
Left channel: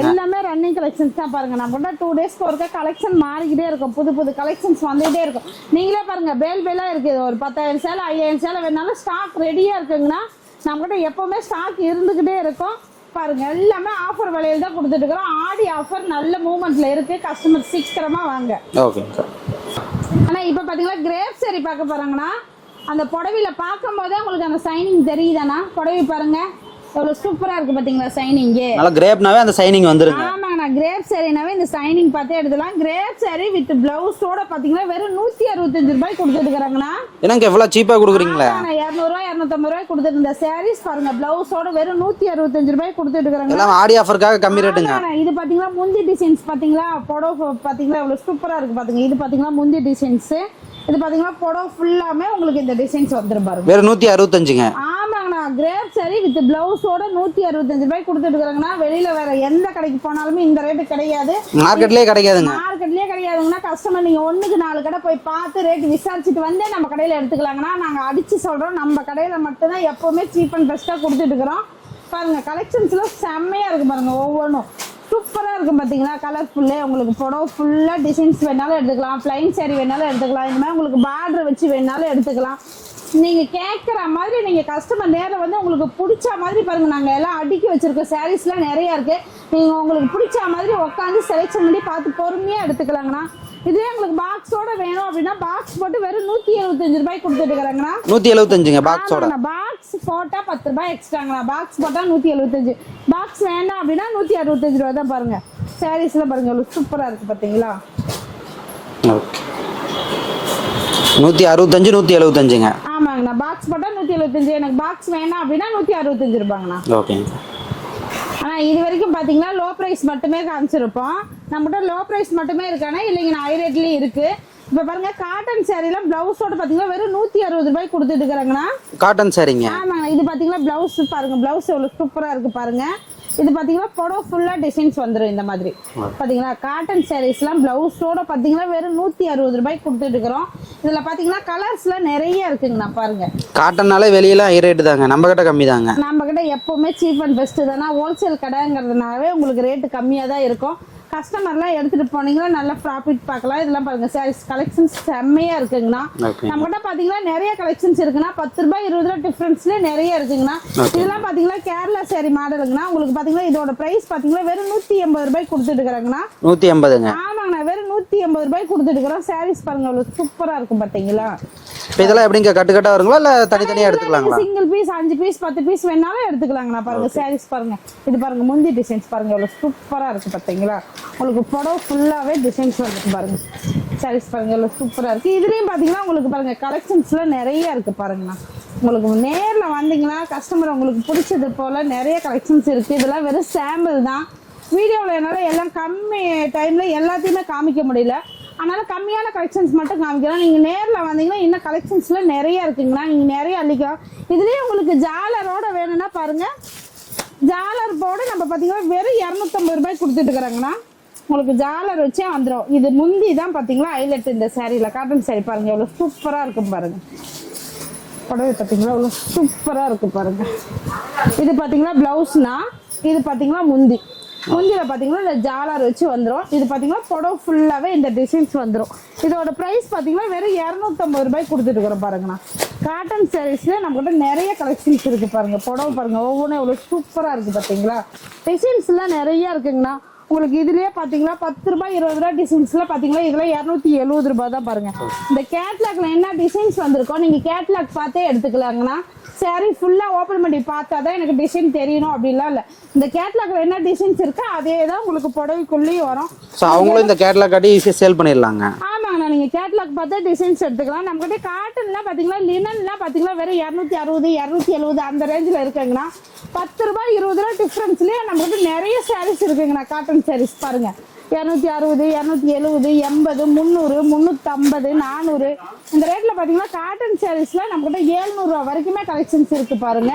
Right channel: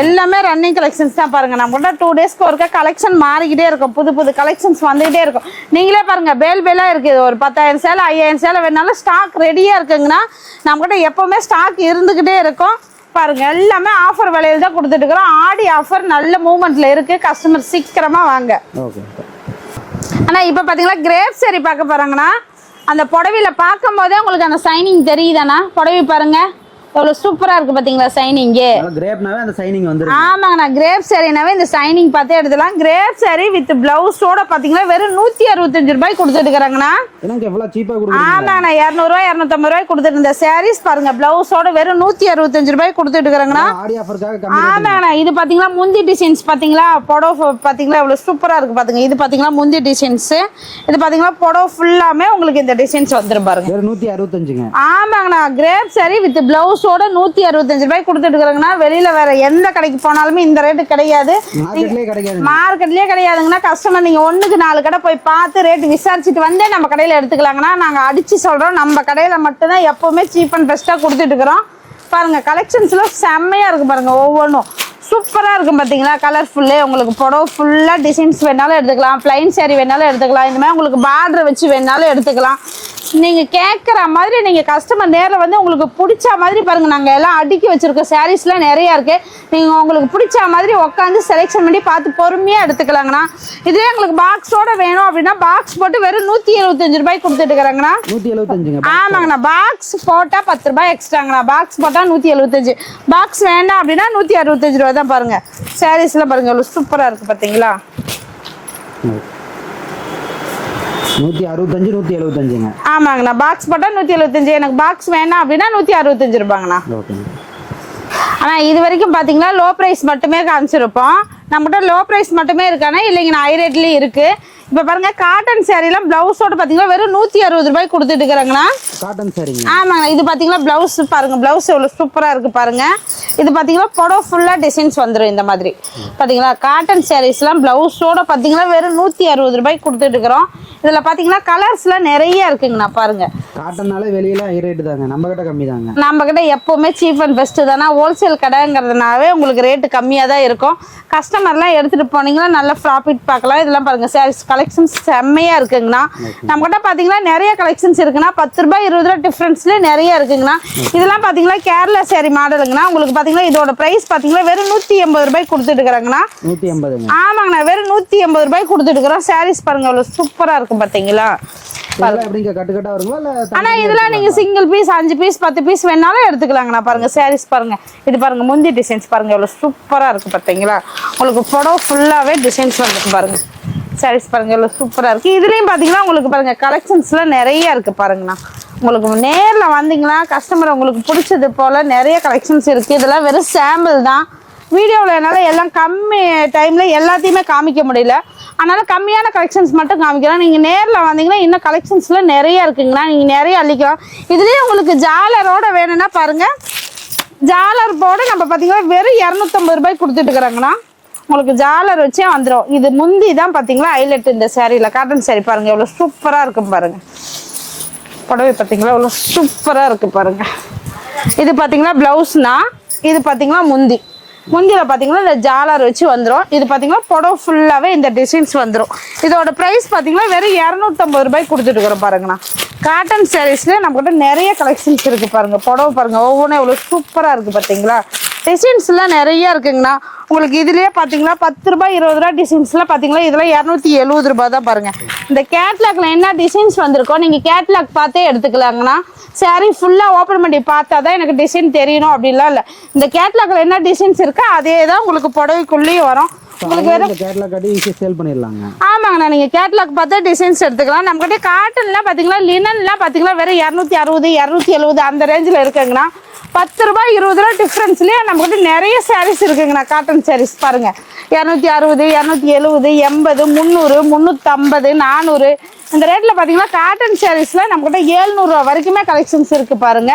எல்லாமே ரன்னிங் கலெக்ஷன்ஸ் தான் பாருங்க. நம்ம கிட்ட 2 டேஸ்க்கு ஒருக்கா கலெக்ஷன் மாறிக்கிட்டே இருக்கும். புது புது கலெக்ஷன்ஸ் வந்துகிட்டே இருக்கும். நீங்களே பாருங்க பேலா இருக்கு. ஒரு 10,000 சேலை 5,000 சேலை வேணாலும் ஸ்டாக் ரெடியா இருக்குங்கன்னா நம்ம கிட்ட எப்பவுமே ஸ்டாக் இருந்துகிட்டே இருக்கும் பாருங்க. எல்லாமே ஆஃபர் விலையில தான் கொடுத்துட்டு இருக்கிறோம். ஆடி ஆஃபர் நல்ல மூவ்மெண்ட்ல இருக்கு. கஸ்டமர் சீக்கிரமா வாங்க. ஓகே. ஆனா இப்ப பாத்தீங்களா கிரேப் சாரி பார்க்க போறாங்கன்னா அந்த புடவையில பார்க்கும் போதே உங்களுக்கு அந்த சைனிங் தெரியுதானா. புடவை பாருங்க எவ்வளவு சூப்பரா இருக்கு பாத்தீங்களா. சைனிங் கிரேப்னாவே அந்த சைனிங் வந்துரும். ஆமாங்கண்ணா கிரேப் சாரினாவே இந்த சைனிங் பார்த்தே எடுத்துலாம். கிரேப் சாரி வித் பிளவுஸோட பாத்தீங்கன்னா வெறும் 165 ரூபாய்க்கு கொடுத்துட்டு இருக்காங்கண்ணா. எனக்கு எவ்வளவு சீப்பா கொடுக்குறீங்க. ஆமாண்ணா 200 ரூபாய் 250 ரூபாய்க்கு கொடுத்துட்டு இந்த சாரீஸ் பாருங்க பிளவுஸோட வெறும் 165 ரூபாய்க்கு கொடுத்துட்டு இருக்காங்கண்ணா. ஆடி ஆஃபர்க்காக கம்மி ரேட்டுங்க. ஆமாண்ணா இது பாத்தீங்களா முந்தி டிசைன்ஸ் பாத்தீங்களா. புடவை பாத்தீங்களா எவ்வளவு சூப்பரா இருக்கு பாத்தீங்க. இது பாத்தீங்களா முந்தி டிசைன்ஸ். இது பாத்தீங்களா புடவை ஃபுல்லாமே உங்களுக்கு இந்த டிசைன்ஸ் வந்துரும் பாருங்க. வெறும் 165ங்க. ஆமாங்கண்ணா கிரேப் சாரி வித் பிளவுஸோட 165 ரூபாய்க்கு கொடுத்துட்டு இருக்காங்கன்னா வெளியில வேற எந்த கடைக்கு போனாலுமே இந்த ரேட்டு கிடையாது. மார்க்கெட்லயே கிடையாதுங்கன்னா கஸ்டமர் நீங்க 1க்கு 4 கடை போய் பார்த்து ரேட் விசாரிச்சுட்டு வந்தே நம்ம கடையில எடுத்துக்கலாங்கன்னா நாங்க அடிச்சு சொல்றோம். நம்ம கடையில மட்டும் தான் எப்பவுமே சீப் அண்ட் பெஸ்டா கொடுத்துட்டு இருக்கிறோம் பாருங்க. கலெக்ஷன்ஸ்ல செம்மையா இருக்கு பாருங்க. ஒவ்வொன்றும் சூப்பரா இருக்கும் பாத்தீங்களா. கலர்ஃபுல்லு உங்களுக்கு புடவை ஃபுல்லா டிசைன்ஸ் வேணாலும் எடுத்துக்கலாம். பிளைன் சாரி வேணாலும் எடுத்துக்கலாம். இந்த மாதிரி உங்களுக்கு பார்டர் வச்சு வேணாலும் எடுத்துக்கலாம். நீங்க கேட்குற மாதிரி நீங்க கஸ்டமர் நேரில் வந்து உங்களுக்கு பிடிச்ச மாதிரி பாருங்க. நாங்க எல்லாம் அடுக்கி வச்சிருக்கோம். சாரீஸ்லாம் நிறைய இருக்கு. நீங்க உங்களுக்கு பிடிச்ச மாதிரி உட்காந்து செலெக்ஷன் பண்ணி பார்த்து பொறுமையா எடுத்துக்கலாங்கண்ணா. இதே உங்களுக்கு பாக்ஸோட வேணும் அப்படின்னா பாக்ஸ் போட்டு வெறும் 175 ரூபாய்க்கு கொடுத்துட்டு இருக்காங்கண்ணா. 175. ஆமாங்கண்ணா பாக்ஸ் போட்டா 10 ரூபாய் எக்ஸ்ட்ராங்கண்ணா. பாக்ஸ் போட்டா 175. பாக்ஸ் வேண்டாம் அப்படின்னா 165 ரூபாய் தான் பாருங்க. சாரீஸ்லாம் பாருங்க எவ்வளவு சூப்பரா இருக்கு பாத்தீங்களா. 165 175ங்க. ஆமாங்கண்ணா பாக்ஸ் போட்டா 175. எனக்கு பாக்ஸ் வேணாம் அப்படின்னா 165 ரூபாங்கண்ணா. ஓகே. ஆனா இது வரைக்கும் பாத்தீங்கன்னா லோ பிரைஸ் மட்டுமே காமிச்சிருப்போம். நம்மகிட்ட லோ பிரைஸ் மட்டுமே இருக்கானே இல்லைங்கண்ணா ஹை ரேட்லயும் இருக்கு. இப்ப பாருங்க காட்டன் சாரிலாம் பிளவுஸோட பாத்தீங்கன்னா வெறும் 160 ரூபாய்க்கு கொடுத்துட்டு இருக்காங்கண்ணா. காட்டன் சாரிங்க. ஆமாங்க. இது பாத்தீங்கன்னா பிளவுஸ் பாருங்க. பிளவுஸ் எவ்வளவு சூப்பரா இருக்கு பாருங்க. இது பாத்தீங்கன்னா புடவை ஃபுல்லா டிசைன்ஸ் வந்துடும் இந்த மாதிரி பாத்தீங்களா. காட்டன் சாரீஸ்லாம் பிளவுஸோட பாத்தீங்கன்னா வெறும் 160 ரூபாய்க்கு கொடுத்துட்டு இருக்கிறோம். இதுல பாத்தீங்கன்னா கலர்ஸ்லாம் நிறைய இருக்குங்கண்ணா பாருங்க. காட்டன்னாலே வெளியில ஹை ரேட் தாங்க. நம்ம கிட்ட கம்மி தாங்க. நம்ம கிட்ட எப்பவுமே சீப் அண்ட் பெஸ்ட் தானே. ஹோல்சேல் கடைங்கிறதுனாவே உங்களுக்கு ரேட்டு கம்மியா தான் இருக்கும். கஸ்டமர்லாம் எடுத்துட்டு போனீங்கன்னா நல்ல ப்ராஃபிட் பார்க்கலாம். இதெல்லாம் பாருங்க சாரீஸ் கலெக்ஷன்ஸ் செம்மையா இருக்குங்கண்ணா. நம்ம கிட்ட பாத்தீங்கன்னா நிறைய கலெக்ஷன்ஸ் இருக்குன்னா 10 ரூபாய் 20 ரூபாய் டிஃபரன்ஸ்ல நிறைய இருக்குங்கண்ணா. இதெல்லாம் பாத்தீங்கன்னா கேரளா சாரி மாடலுங்கண்ணா. உங்களுக்கு பாத்தீங்கன்னா இதோட பிரைஸ் பாத்தீங்கன்னா வெறும் 180 ரூபாய்க்கு கொடுத்துட்டு இருக்காங்கண்ணா. 180ங்க. ஆமாங்கண்ணா வெறும் 180 ரூபாய்க்கு கொடுத்துட்டு இருக்கிறோம். சாரீஸ் பாருங்க அவ்வளவு சூப்பரா இருக்கும் பாத்தீங்களா. இதெல்லாம் எப்படிங்க கட்டு கட்டா வருங்களா இல்ல தனித்தனியா எடுத்துக்கலாமா? நீங்க சிங்கிள் பீஸ் 5 பீஸ் 10 பீஸ் வேணாலும் எடுத்துக்கலாங்கண்ணா. பாருங்க சாரீஸ் பாருங்க. இது பாருங்க முந்தி டிசைன்ஸ் பாருங்க எவ்வளவு சூப்பரா இருக்கு பாத்தீங்களா. உங்களுக்கு புடவை ஃபுல்லாவே டிசைன்ஸ் வந்துருக்கு பாருங்க. சாரீஸ் பாருங்க எவ்வளவு சூப்பரா இருக்கு. இதுலயும் பாத்தீங்கன்னா உங்களுக்கு பாருங்க கலெக்ஷன்ஸ்லாம் நிறைய இருக்கு பாருங்கண்ணா. உங்களுக்கு நேர்ல வந்தீங்கன்னா கஸ்டமர் உங்களுக்கு பிடிச்சது போல நிறைய கலெக்ஷன்ஸ் இருக்கு. இதெல்லாம் வெறும் சாம்பிள் தான். வீடியோவில் என்னால் எல்லாம் கம்மி டைமில் எல்லாத்தையுமே காமிக்க முடியல. அதனால கம்மியான கலெக்ஷன்ஸ் மட்டும் காமிக்கலாம். நீங்கள் நேரில் வந்தீங்கன்னா இன்னும் கலெக்ஷன்ஸ்லாம் நிறைய இருக்குங்கண்ணா. நீங்கள் நிறைய அள்ளிக்கலாம். இதுலேயே உங்களுக்கு ஜாலரோட வேணும்னா பாருங்கள். ஜாலர் போட நம்ம பார்த்தீங்கன்னா வெறும் 250 ரூபாய்க்கு கொடுத்துட்டு இருக்கிறாங்கண்ணா. உங்களுக்கு ஜாலர் வச்சே வந்துடும். இது முந்தி தான் பார்த்தீங்களா ஹைலைட் இந்த சாரியில். காட்டன் சாரி பாருங்கள் எவ்வளோ சூப்பராக இருக்கும் பாருங்கள். புடவை பார்த்தீங்களா எவ்வளோ சூப்பராக இருக்குது பாருங்கள். இது பார்த்தீங்கன்னா ப்ளவுஸ்னா. இது பார்த்தீங்கன்னா முந்தி. முந்தியில் பார்த்தீங்கன்னா இந்த ஜாலர் வச்சு வந்துடும். இது பார்த்தீங்கன்னா புடவை ஃபுல்லாகவே இந்த டிசைன்ஸ் வந்துடும். இதோட ப்ரைஸ் பார்த்தீங்கன்னா வெறும் 250 ரூபாய்க்கு கொடுத்துட்டு இருக்கிறோம் பாருங்கண்ணா. காட்டன் சாரீஸ்ல நம்மகிட்ட நிறைய கலெக்ஷன்ஸ் இருக்குது பாருங்கள். புடவை பாருங்கள் ஒவ்வொன்றும் எவ்வளோ சூப்பராக இருக்குது பார்த்தீங்களா. டிசைன்ஸ்லாம் நிறைய இருக்குங்கண்ணா. உங்களுக்கு இதுலயே பாத்தீங்கன்னா 10 ரூபாய் 20 ரூபாய் டிசைன்ஸ்லாம் பாத்தீங்கன்னா இதெல்லாம் 270 ரூபாய் தான் பாருங்க. இந்த கேட்லாக்ல என்ன டிசைன்ஸ் வந்திருக்கோ நீங்க கேட்லாக் பார்த்தே எடுத்துக்கலாங்கண்ணா. சாரி ஃபுல்லா ஓபன் பண்ணி பார்த்தாதான் எனக்கு டிசைன் தெரியணும் அப்படிலாம் இல்ல. இந்த கேட்லாக்ல என்ன டிசைன்ஸ் இருக்கோ அதே தான் உங்களுக்கு புடவைக்குள்ளேயே வரும். இந்த கேட்லாக் காட்டி ஈஸியா சேல் பண்ணிடலாங்க. ஆமாங்கண்ணா, நீங்க கேட்லாக் பார்த்தா டிசைன்ஸ் எடுத்துக்கலாம். நம்ம கிட்ட காட்டன்லாம் பாத்தீங்கன்னா லினன்லாம் பாத்தீங்கன்னா வெறும் 260 270 அந்த ரேஞ்சில் இருக்குங்கண்ணா. 10 ரூபாய் 20 ரூபாய் டிஃப்ரென்ஸ்லயே நம்ம கிட்ட நிறைய சாரீஸ் இருக்குங்கண்ணா. காட்டன் சாரீஸ் பாருங்க 260 270 80 300 350 400 இந்த ரேட்ல பாத்தீங்கன்னா காட்டன் சாரீஸ்ல நம்ம கிட்ட 700 ரூபாய் வரைக்குமே கலெக்ஷன்ஸ் இருக்கு பாருங்க.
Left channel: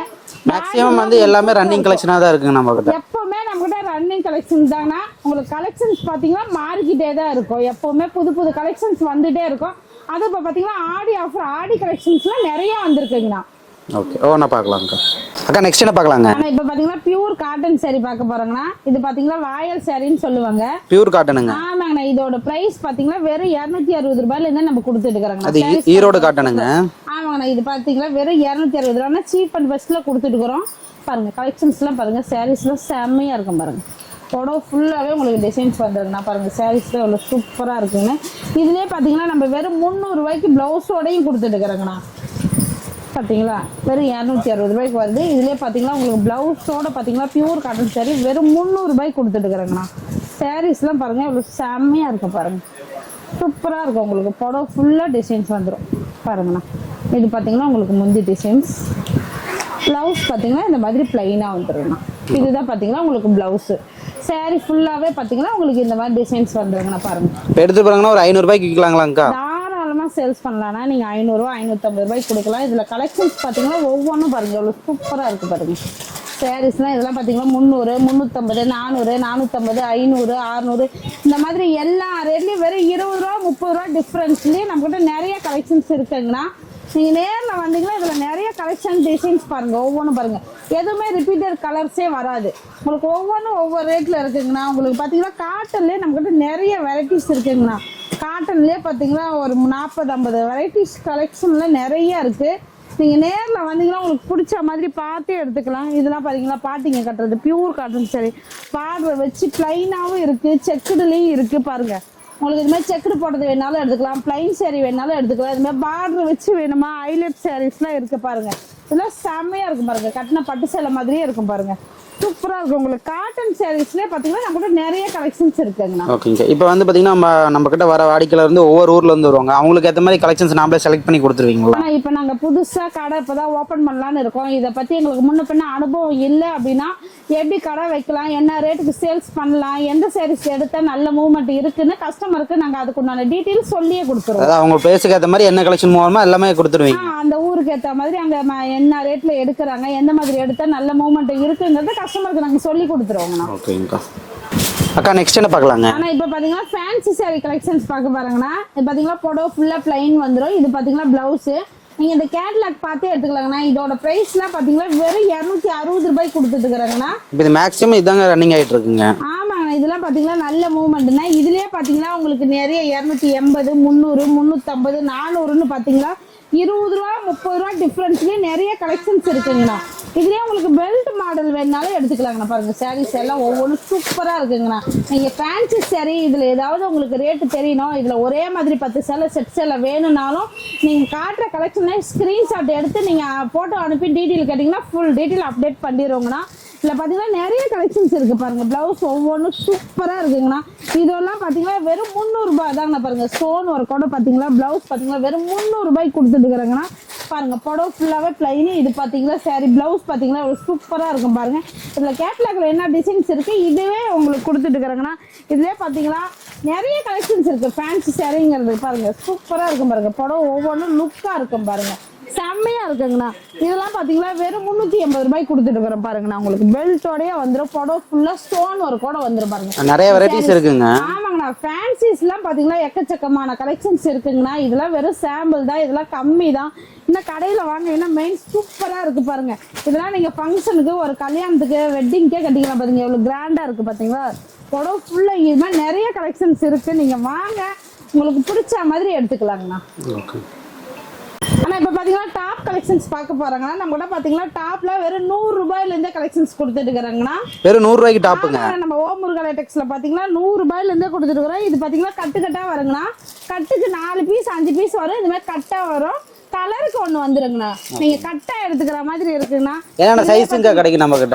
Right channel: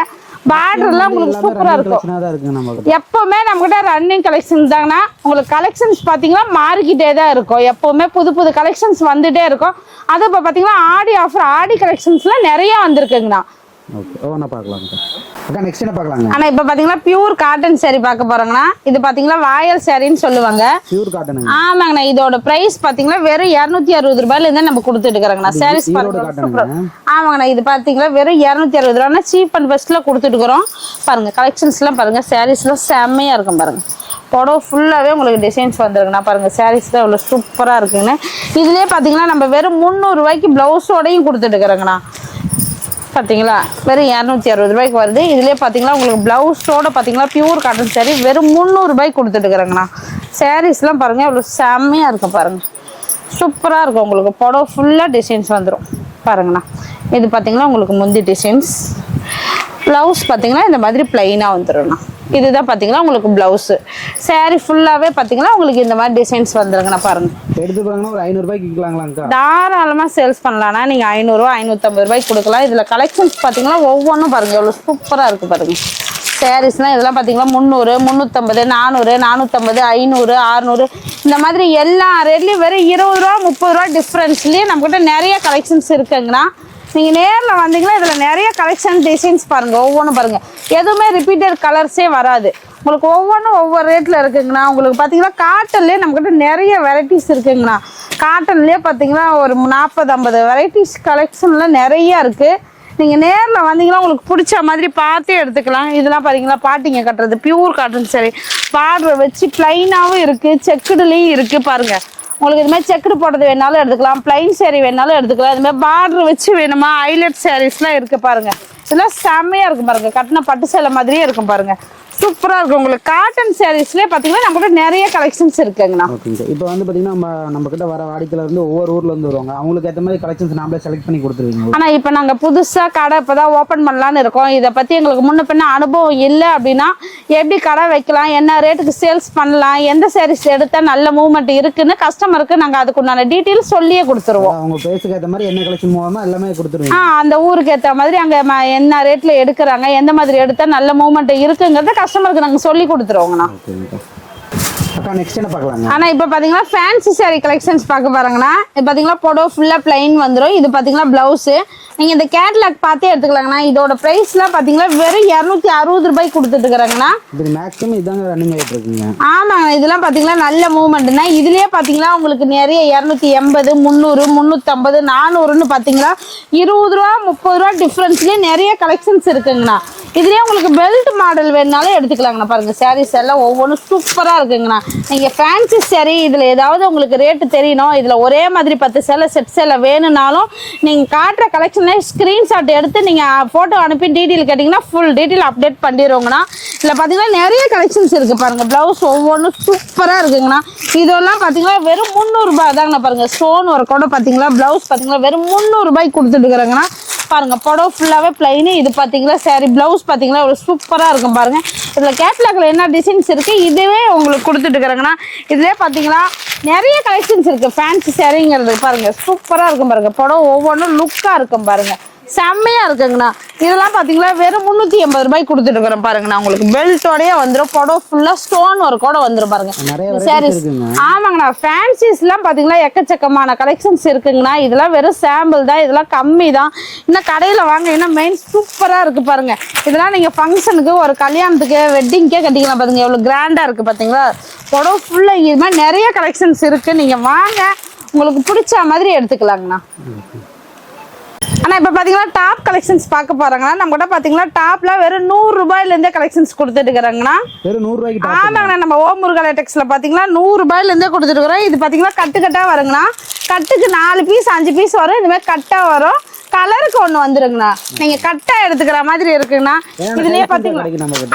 எல்லாமே ரன்னிங் கலெக்ஷனா தான் இருக்குங்க. நம்ம கிட்ட எப்பவுமே நம்ம கிட்ட ரன்னிங் கலெக்ஷன்ஸ் தாங்கண்ணா. உங்களுக்கு கலெக்ஷன்ஸ் பாத்தீங்கன்னா மாறிக்கிட்டே தான் இருக்கும். எப்பவுமே புது புது கலெக்ஷன்ஸ் வந்துட்டே இருக்கும். அது இப்போ பாத்தீங்கன்னா ஆடி ஆஃபர் ஆடி கலெக்ஷன்ஸ்ல நிறைய வந்திருக்குங்கண்ணா. ஓகே, நான் பார்க்கலாம்க்கா. அக்கா நெக்ஸ்ட் என்ன பார்க்கலாங்க? ஆனா இப்போ பாத்தீங்கன்னா பியூர் காட்டன் saree பார்க்க போறோங்கண்ணா. இது பாத்தீங்கன்னா வாயல் சாரின்னு சொல்லுவாங்க. பியூர் காட்டனுங்க. ஆமாங்கண்ணா. இதோட பிரைஸ் பாத்தீங்கன்னா வெறும் 260 ரூபாயில இருந்து நம்ம கொடுத்துட்டு இருக்கறோங்கண்ணா. சாரீஸ் ஈரோடு காட்டனுங்க. ஆமாங்கண்ணா. இது பாத்தீங்கன்னா வெறும் 260 ரூபாய்னா சீப் அண்ட் பெஸ்ட்ல கொடுத்துட்டு இருக்கோம். பாருங்க கலெக்ஷன்ஸ்லாம் பாருங்க. சாரீஸ்லாம் செம்மையா இருக்கும் பாருங்க. புடவை ஃபுல்லாகவே உங்களுக்கு டிசைன்ஸ் வந்துருக்குண்ணா. பாருங்கள் சாரீஸ்லாம் இவ்வளோ சூப்பராக இருக்குங்கண்ணா. இதுலேயே பார்த்தீங்கன்னா நம்ம வெறும் 300 ரூபாய்க்கு ப்ளவுஸோடையும் கொடுத்துட்டு இருக்கிறோங்கண்ணா. பார்த்தீங்களா வெறும் 260 ரூபாய்க்கு வருது. இதுலேயே பார்த்தீங்கன்னா உங்களுக்கு ப்ளவுஸோட பார்த்தீங்கன்னா பியூர் காட்டன் சாரீ வெறும் 300 ரூபாய்க்கு கொடுத்துட்டு இருக்கிறோங்கண்ணா. சாரீஸ்லாம் பாருங்கள் இவ்வளோ செம்மையாக இருக்கும் பாருங்கள். சூப்பராக இருக்கும். உங்களுக்கு புடவை ஃபுல்லாக டிசைன்ஸ் வந்துடும் பாருங்கண்ணா. இது பார்த்தீங்கன்னா உங்களுக்கு முந்தி டிசைன்ஸ். ப்ளவுஸ் பார்த்தீங்கன்னா இந்த மாதிரி பிளைனாக வந்துடும்ண்ணா. இதுதான் பார்த்தீங்கன்னா உங்களுக்கு ப்ளவுஸு. சாரீ ஃபுல்லாகவே பார்த்தீங்கன்னா உங்களுக்கு இந்த மாதிரி டிசைன்ஸ் வந்துருங்கண்ணா. பாருங்கள் எடுத்து போகிறாங்கன்னா ஒரு 500 ரூபாய்க்கு விற்கலாங்களாங்க்கா? தாராளமாக சேல்ஸ் பண்ணலாம்னா நீங்கள் 500 550 ரூபாய்க்கு கொடுக்கலாம். இதில் கலெக்ஷன்ஸ் பார்த்தீங்கன்னா ஒவ்வொன்றும் பாருங்கள் எவ்வளோ சூப்பராக இருக்குது பாருங்கள். சாரீஸ்னால் இதெல்லாம் பார்த்தீங்கன்னா 300 350 400 450 500 600 இந்த மாதிரி எல்லா ரேட்லேயும் வெறும் 20 ரூபா 30 ரூபா டிஃப்ரென்ஸ்லேயே நம்மக்கிட்ட நிறைய கலெக்ஷன்ஸ் இருக்குங்கண்ணா. நீங்கள் நேரில் வந்தீங்கன்னா இதில் நிறைய கலெக்ஷன் டிசைன்ஸ் பாருங்கள். ஒவ்வொன்றும் பாருங்கள் எதுவுமே ரிப்பீட்டட் கலர்ஸே வராது. உங்களுக்கு ஒவ்வொன்றும் ஒவ்வொரு ரேட்டில் இருக்குங்கண்ணா. உங்களுக்கு பார்த்தீங்கன்னா காட்டன்லேயே நம்மக்கிட்ட நிறைய வெரைட்டிஸ் இருக்குங்கண்ணா. காட்டன்லேயே பார்த்தீங்கன்னா ஒரு 40-50 வெரைட்டிஸ் கலெக்ஷன்லாம் நிறையா இருக்குது. நீங்கள் நேரில் வந்தீங்கன்னா உங்களுக்கு பிடிச்ச மாதிரி பார்த்தே எடுத்துக்கலாம். இதெல்லாம் பார்த்தீங்கன்னா பாட்டிங்க கட்டுறது பியூர் காட்டன் சரி பார்டரை வச்சு ப்ளைனாகவும் இருக்குது செக்குடுலேயும் இருக்குது பாருங்கள். உங்களுக்கு இது மாதிரி செக்குடு போடுறது வேணாலும் எடுத்துக்கலாம். பிளைன் சாரீ வேணாலும் எடுத்துக்கலாம். இது மாதிரி பார்டர் வச்சு வேணுமா ஹைலைட் சாரீஸ்லாம் இருக்குது பாருங்கள். இதெல்லாம் செம்மையாக இருக்கும் பாருங்கள். கட்டின பட்டு சேலை மாதிரியே இருக்கும் பாருங்கள். சூப்பராக இருக்கும். உங்களுக்கு காட்டன் சாரீஸ்லேயே பார்த்தீங்கன்னா நம்ம கிட்ட நிறைய கலெக்ஷன்ஸ் இருக்குங்கண்ணா. ஓகேங்க. இப்போ வந்து பார்த்தீங்கன்னா நம்ம கிட்ட வர வாடிக்கையாளர் வந்து ஒவ்வொரு ஊர்ல இருந்து வருவாங்க. அவங்களுக்கு ஏற்ற மாதிரி கலெக்ஷன்ஸ் நாமளே செலக்ட் பண்ணி கொடுத்துருவீங்க. ஆனால் இப்போ நாங்கள் புதுசாக கடை இப்போ தான் ஓப்பன் பண்ணலான்னு இருக்கோம். இதை பற்றி எங்களுக்கு முன்ன பின்ன அனுபவம் இல்லை அப்படின்னா எப்படி கடை வைக்கலாம், என்ன ரேட்டுக்கு சேல்ஸ் பண்ணலாம், எந்த சாரீஸ் எடுத்தால் நல்ல மூவ்மெண்ட் இருக்குன்னு கஸ்டமருக்கு நாங்கள் அதுக்குண்டான டீட்டெயில் சொல்லியே கொடுத்துருவோம். அவங்க பேசுக்கு ஏற்ற மாதிரி என்ன கலெக்ஷன் மூலமா எல்லாமே கொடுத்துருவீங்க. அந்த ஊருக்கு ஏற்ற மாதிரி அங்கே என்ன ரேட்டில் எடுக்கிறாங்க, எந்த மாதிரி எடுத்தால் நல்ல மூவ்மெண்ட் இருக்குங்கிறத கஸ்டமருக்கு நாங்கள் சொல்லி கொடுத்துருவோங்கண்ணா. ஓகேங்கக்கா. அக்கா நெக்ஸ்ட் என்ன பார்க்கலாங்க? ஆனால் இப்போ பார்த்தீங்கன்னா ஃபேன்சி சாரீ கலெக்ஷன்ஸ் பார்க்க பாருங்கண்ணா. இது பார்த்தீங்கன்னா புடவை ஃபுல்லாக பிளைன் வந்துடும். இது பார்த்தீங்கன்னா ப்ளவுஸு. நீங்கள் இந்த கேட்லாக் பார்த்தே எடுத்துக்கலாங்கண்ணா. இதோட ப்ரைஸ்லாம் பார்த்தீங்கன்னா வெறும் 260 ரூபாய்க்கு கொடுத்துட்டு இருக்கிறாங்கண்ணா. இது மேக்ஸிமம் இதாங்க ரன்னிங் ஆகிட்டு இருக்குங்க. ஆமாங்க. இதெல்லாம் பார்த்தீங்கன்னா நல்ல மூவ்மெண்ட்னா. இதுலேயே பார்த்தீங்கன்னா உங்களுக்கு நிறைய 280 300 350 400ன்னு பார்த்தீங்கன்னா 20 ரூபா 30 ரூபா டிஃப்ரென்ஸ்லேயே நிறைய கலெக்ஷன்ஸ் இருக்குங்கண்ணா. இதுலேயே உங்களுக்கு பெல்ட் மாடல் வேணுனாலும் எடுத்துக்கலாங்கண்ணா. பாருங்கள் சாரீஸ் எல்லாம் ஒவ்வொன்றும் சூப்பராக இருக்குங்கண்ணா. நீங்கள் ஃபேன்சி சாரீ இதில் ஏதாவது உங்களுக்கு ரேட்டு தெரியணும், இதில் ஒரே மாதிரி 10 சேலை செட் சேலை வேணும்னாலும் நீங்கள் காட்டுற கலெக்ஷனை ஸ்க்ரீன்ஷாட் எடுத்து நீங்கள் ஃபோட்டோ அனுப்பி டீட்டெயில் கேட்டிங்கன்னா ஃபுல் டீட்டெயில் அப்டேட் பண்ணிடுவோங்கண்ணா. இதில் பார்த்தீங்கன்னா நிறைய கலெக்ஷன்ஸ் இருக்குது பாருங்கள். ப்ளவுஸ் ஒவ்வொன்றும் சூப்பராக இருக்குங்கண்ணா. இதெல்லாம் பார்த்தீங்கன்னா வெறும் 300 ரூபாய் தாங்கண்ணா. பாருங்கள் ஸ்டோன் ஒர்க்கோட பார்த்தீங்களா ப்ளவுஸ் பார்த்தீங்கன்னா வெறும் 300 ரூபாய்க்கு கொடுத்துட்டு இருக்கிறாங்கண்ணா. பாருங்க புடவை ஃபுல்லாகவே பிளைனு. இது பார்த்தீங்களா சாரி ப்ளவுஸ் பார்த்தீங்களா ஒரு சூப்பராக இருக்கும் பாருங்க. இதில் கேட்லாக்ல என்ன டிசைன்ஸ் இருக்குது இதுவே உங்களுக்கு கொடுத்துட்டு இருக்கிறாங்கன்னா. இதுலேயே பார்த்தீங்களா நிறைய கலெக்ஷன்ஸ் இருக்குது. ஃபேன்சி சாரிங்கிறது பாருங்கள் சூப்பராக இருக்கும் பாருங்கள். புடவை ஒவ்வொன்றும் லுக்காக இருக்கும் பாருங்கள். செம்மையாக இருக்குங்கண்ணா. இதெல்லாம் பார்த்தீங்களா வெறும் 380 ரூபாய்க்கு கொடுத்துட்டு இருக்கிறோம் பாருங்கண்ணா. உங்களுக்கு பெல்ட்டோடய வந்துடும். புடவை ஃபுல்லாக ஸ்டோன் ஒர்க்கோட வந்துடும் பாருங்க. நிறைய வெரைட்டிஸ் இருக்குங்க. ஆமாங்கண்ணா. ஃபேன்சிஸ்லாம் பார்த்தீங்களா எக்கச்சக்கமான கலெக்ஷன்ஸ் இருக்குங்கண்ணா. இதெல்லாம் வெறும் சாம்பிள் தான். இதெல்லாம் கம்மி தான். இன்னும் கடையில் வாங்க இன்னும் மெயின் சூப்பராக இருக்குது பாருங்கள். இதெல்லாம் நீங்கள் ஃபங்க்ஷனுக்கு ஒரு கல்யாணத்துக்கு வெட்டிங்கே கட்டிக்கலாம் பாருங்க. எவ்வளோ கிராண்டாக இருக்குது பார்த்தீங்களா. புடவை ஃபுல்லாக இது மாதிரி நிறைய கலெக்ஷன்ஸ் இருக்குது. நீங்கள் வாங்க உங்களுக்கு பிடிச்ச மாதிரி எடுத்துக்கலாங்கண்ணா. ஆனா இப்ப பாத்தீங்கன்னா டாப் கலெக்ஷன்ஸ் பார்க்க போறாங்கன்னா நம்ம கூட பாத்தீங்கன்னா டாப்ல வெறும் 100 ரூபாயில இருந்தே கலெக்ஷன்ஸ் கொடுத்துட்டு இருக்காங்கன்னா வெறும் 100 ரூபாய்க்கு டாப். ஆமாங்க நம்ம ஓம் முருகா லேட்டெக்ஸ்ல பாத்தீங்கன்னா 100 ரூபாயில இருந்தே கொடுத்துட்டு இருக்கோம். இது பாத்தீங்கன்னா கட்டா வருங்கண்ணா. கட்டுக்கு 4 பீஸ் 5 பீஸ் வரும். இந்த மாதிரி கட்டா வரும். கலருக்கு ஒண்ணு வந்துருங்கண்ணா. நீங்க கட்டா எடுத்துக்கிற மாதிரி இருக்குங்கண்ணா.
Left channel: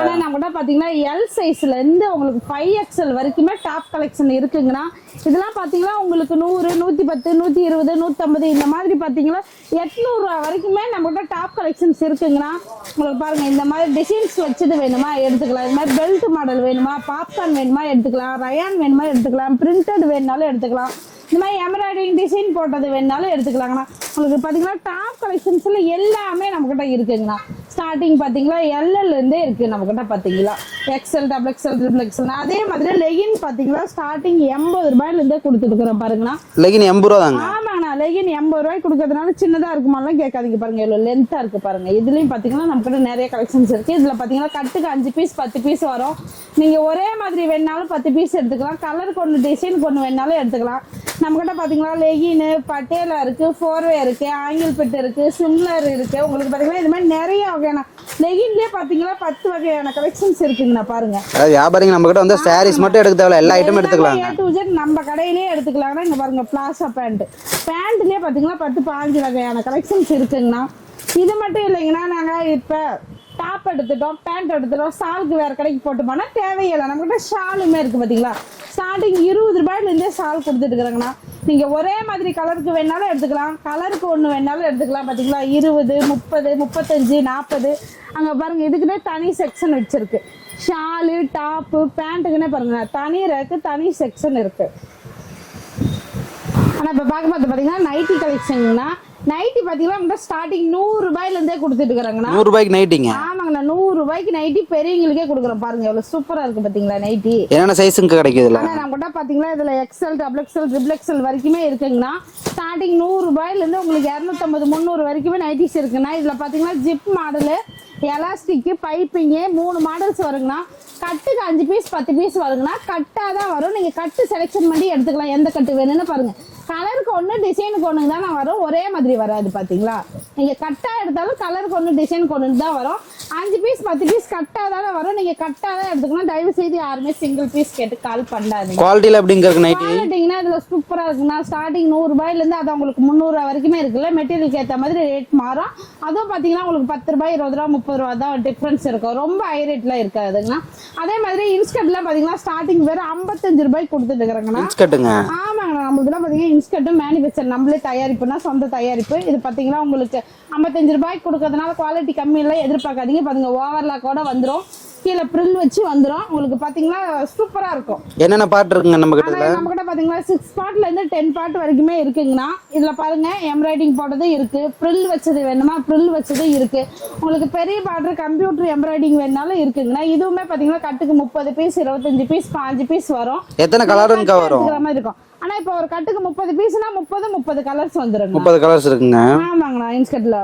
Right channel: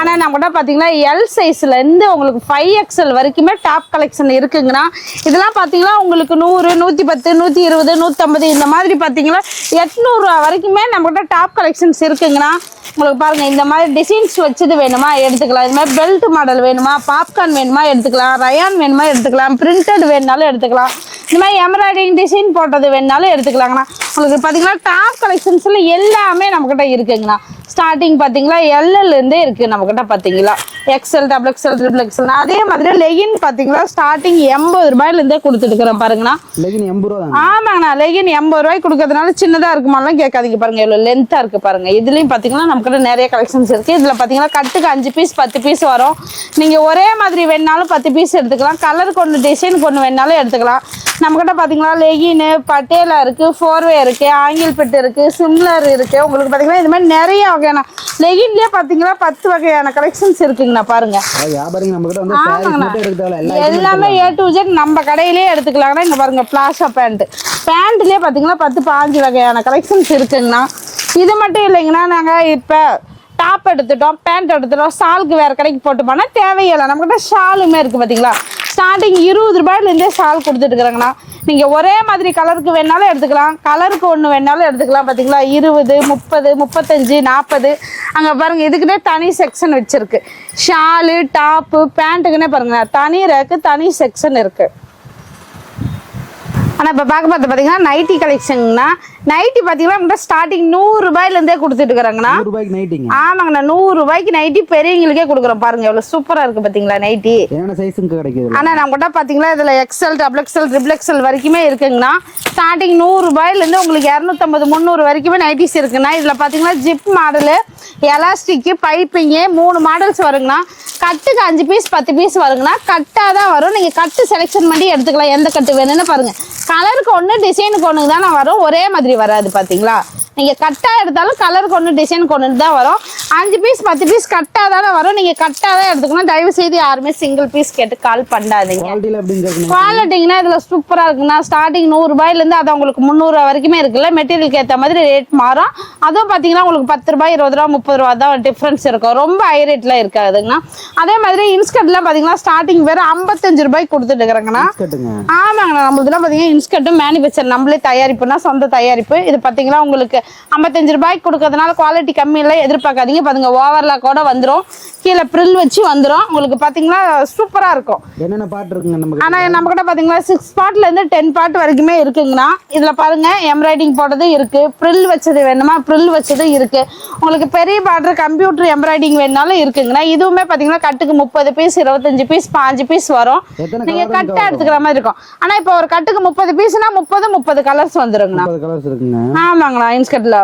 ஆனா நம்ம கூட பாத்தீங்கன்னா எல் சைஸ்ல இருந்து உங்களுக்கு 5XL வரைக்குமே டாப் கலெக்ஷன் இருக்குங்கண்ணா. இதெல்லாம் பாத்தீங்கன்னா உங்களுக்கு 100 110 120 150 இந்த மாதிரி பாத்தீங்கன்னா 800 ரூபா வரைக்குமே நம்ம கிட்ட டாப் கலெக்ஷன்ஸ் இருக்குங்கண்ணா. உங்களுக்கு பாருங்க இந்த மாதிரி டிசைன்ஸ் வச்சது வேணுமா எடுத்துக்கலாம். இது மாதிரி பெல்ட் மாடல் வேணுமா, பாப்கார்ன் வேணுமா எடுத்துக்கலாம், ரயான் வேணுமா எடுத்துக்கலாம், பிரிண்டட் வேணுனாலும் எடுத்துக்கலாம், இந்த மாதிரி எம்ப்ராய்டிங் டிசைன் போட்டது வேணுனாலும் எடுத்துக்கலாங்கண்ணா. உங்களுக்கு பார்த்தீங்கன்னா டாப் கலெக்ஷன்ஸில் எல்லாமே நம்மக்கிட்ட இருக்குங்கண்ணா. ஸ்டார்டிங் பார்த்தீங்களா எல்எல் இருந்தே இருக்குது நம்மக்கிட்ட. பார்த்தீங்களா XL XXL XXL. அதே மாதிரி லெகின் பார்த்தீங்களா ஸ்டார்டிங் 80 ரூபாயிலேருந்தே கொடுத்துட்டுக்கிறோம் பாருங்கண்ணா. லெகின் 80 ரூபா. ஆமாங்கண்ணா லெகின் 80 ரூபாய்க்கு கொடுக்கறதுனால சின்னதாக இருக்குமாலாம் கேட்காதீங்க. பாருங்க எவ்வளோ லென்த்தாக இருக்குது பாருங்க. இதுலேயும் பார்த்தீங்கன்னா நம்மக்கிட்ட நிறைய கலெக்ஷன்ஸ் இருக்குது. இதில் பார்த்தீங்கன்னா கட்டுக்கு 5 பீஸ் 10 பீஸ் வரும். நீங்கள் ஒரே மாதிரி வேணுனாலும் 10 பீஸ் எடுத்துக்கலாம். கலருக்கு ஒன்று டிசைனுக்கு ஒன்று வேணுனாலும் எடுத்துக்கலாம். நம்மக்கிட்ட பார்த்தீங்கன்னா லெகின்னு பட்டேலா இருக்குது, 4வே இருக்குது, ஆங்கிள் பெட்டு இருக்குது, சிம்லர் இருக்குது. உங்களுக்கு பார்த்தீங்கன்னா இது மாதிரி நிறைய வகையான லெகின்லேயே பார்த்தீங்கன்னா 10 வகையான கலெக்ஷன்ஸ் இருக்குங்கண்ணா. பாருங்க வியாபாரிங்க நம்மக்கிட்ட வந்து சாரீஸ் மட்டும் எடுக்க தேவையில்ல, எல்லா ஐட்டமும் எடுத்துக்கலாம். A to Z நம்ம கடையிலேயே எடுத்துக்கலாங்கன்னா இங்கே பாருங்க பிளாஷா பேண்ட்லேயே பார்த்தீங்கன்னா 10 15 வகையான கலெக்ஷன்ஸ் இருக்குங்கண்ணா. இது மட்டும் இல்லைங்கண்ணா. நாங்கள் இப்போ டாப் எடுத்துட்டோம், பேண்ட் எடுத்துட்டோம், ஷாலுக்கு வேறு கடைக்கு போட்டு போனால் தேவையில்லை. நம்மக்கிட்ட ஷாலுமே இருக்குது பார்த்தீங்களா. ஸ்டார்டிங் 20 ரூபாயிலேருந்தே ஷால் கொடுத்துட்டு இருக்கிறாங்கண்ணா. நீங்கள் ஒரே மாதிரி கலருக்கு வேணாலும் எடுத்துக்கலாம், கலருக்கு ஒன்று வேணாலும் எடுத்துக்கலாம். பார்த்தீங்களா 20 30 35 40. அங்கே பாருங்கள் இதுக்குன்னே தனி செக்ஷன் வச்சுருக்கு. ஷாலு டாப்பு பேண்ட்டுக்குன்னே பாருங்கள் தனி ரேக்கு தனி செக்ஷன் இருக்குது. ஆனால் இப்போ பார்த்தீங்கன்னா நைட்டி கலெக்ஷன்னா நைட்டி பார்த்தீங்கன்னா ஸ்டார்டிங் 100 ரூபாயிலேருந்தே கொடுத்துட்டு இருக்கிறாங்கண்ணா. 100 ரூபாய்க்கு நைட்டிங்க. ஆமாங்கண்ணா 100 ரூபாய்க்கு நைட்டி பெரியவங்களுக்கே கொடுக்குறோம். பாருங்க எவ்வளோ சூப்பராக இருக்குது பார்த்தீங்களா நைட்டி. என்னென்ன சைஸுக்கு கிடைக்குது? ஆனால் நம்ம கூட பார்த்தீங்கன்னா இதில் XL XXL XXL வரைக்குமே இருக்குங்கண்ணா. ஸ்டார்டிங் 100 ரூபாயிலேருந்து உங்களுக்கு 250 300 வரைக்குமே நைட்டிஸ் இருக்குண்ணா. இதில் பார்த்தீங்கன்னா zip model, elastic, piping 3 models வருங்கண்ணா. கட்டுக்கு 5 பீஸ் 10 பீஸ் வருங்கண்ணா. கட்டாக தான் வரும். நீங்கள் கட்டு செலெக்ஷன் பண்ணி எடுத்துக்கலாம். எந்த கட்டு வேணும்னு பாருங்கள். கலருக்கு ஒன்று டிசைனுக்கு ஒன்று தானே வரும், ஒரே மாதிரி வராது. பார்த்தீங்களா நீங்கள் கட்டாக எடுத்தாலும் கலருக்கு ஒன்று டிசைனுக்கு ஒன்று தான் வரும். 5 பீஸ் 10 பீஸ் கட்டாக தானே வரும். நீங்கள் கட்டாக தான் எடுத்துக்கணும். தயவு செய்து யாருமே சிங்கிள் பீஸ் கேட்டு கால் பண்ணாதீங்க. குவாலிட்டியில் எப்படிங்க? குவாலிட்டிங்கன்னா இதில் சூப்பராக இருக்குண்ணா. ஸ்டார்டிங் 100 ரூபாயிலேருந்து அது உங்களுக்கு 300 ரூபா வரைக்குமே இருக்குல்ல. மெட்டீரியலுக்கு ஏற்ற மாதிரி ரேட் மாறும். அதுவும் பார்த்தீங்கன்னா உங்களுக்கு 10 ரூபாய் 20 ரூபா 30 ரூபா தான் டிஃப்ரென்ஸ் இருக்கும். ரொம்ப ஹை ரேட்லாம் இருக்காதுங்கண்ணா. அதே மாதிரி இன்ஸ்கர்ட்லாம் பார்த்தீங்கன்னா ஸ்டார்டிங் வேறு 55 ரூபாய்க்கு கொடுத்துட்டு இருக்கிறாங்கண்ணா. ஆமாங்கண்ணா நம்மளுக்குலாம் பார்த்தீங்கன்னா இன்ஸ்கர்ட்டும் மேனுஃபேக்சர் நம்மளே தயாரிப்புனா சொந்த தயாரிப்பு. இது பார்த்தீங்கன்னா உங்களுக்கு 55 ரூபாய்க்கு கொடுக்கறதுனால குவாலிட்டி கம்மி இல்லை எதிர்பார்க்காதீங்க. பாருங்க ஓவர்லாக் கூட வந்துடும், கீழே ப்ரில் வச்சு வந்துடும். உங்களுக்கு பார்த்தீங்கன்னா சூப்பராக இருக்கும். என்னென்ன பார்ட் இருக்குங்க நம்ம? ஆனால் நம்ம கிட்ட பார்த்தீங்கன்னா 6 பார்ட்லேருந்து 10 பார்ட் வரைக்குமே இருக்குங்கண்ணா. இதில் பாருங்க எம்ப்ராய்டிங் போட்டது இருக்கு, ப்ரில் வச்சது வேணுமா ப்ரில் வச்சது இருக்கு. உங்களுக்கு பெரிய பார்டர் கம்ப்யூட்டர் எம்ப்ராய்டிங் வேணுனாலும் இருக்குங்கண்ணா. இதுவுமே பார்த்தீங்கன்னா கட்டுக்கு 30 பீஸ் 25 பீஸ் 5 பீஸ் வரும். எத்தனை கலர் எடுத்துக்கிற மாதிரி இருக்கும். ஆனால் இப்போ ஒரு கட்டுக்கு 30 பீஸ்னா 30 கலர்ஸ் வந்துருங்க. 30 கலர்ஸ் இருக்குங்க. ஆமாங்கண்ணா இன்ஸ்கர்ட்ல.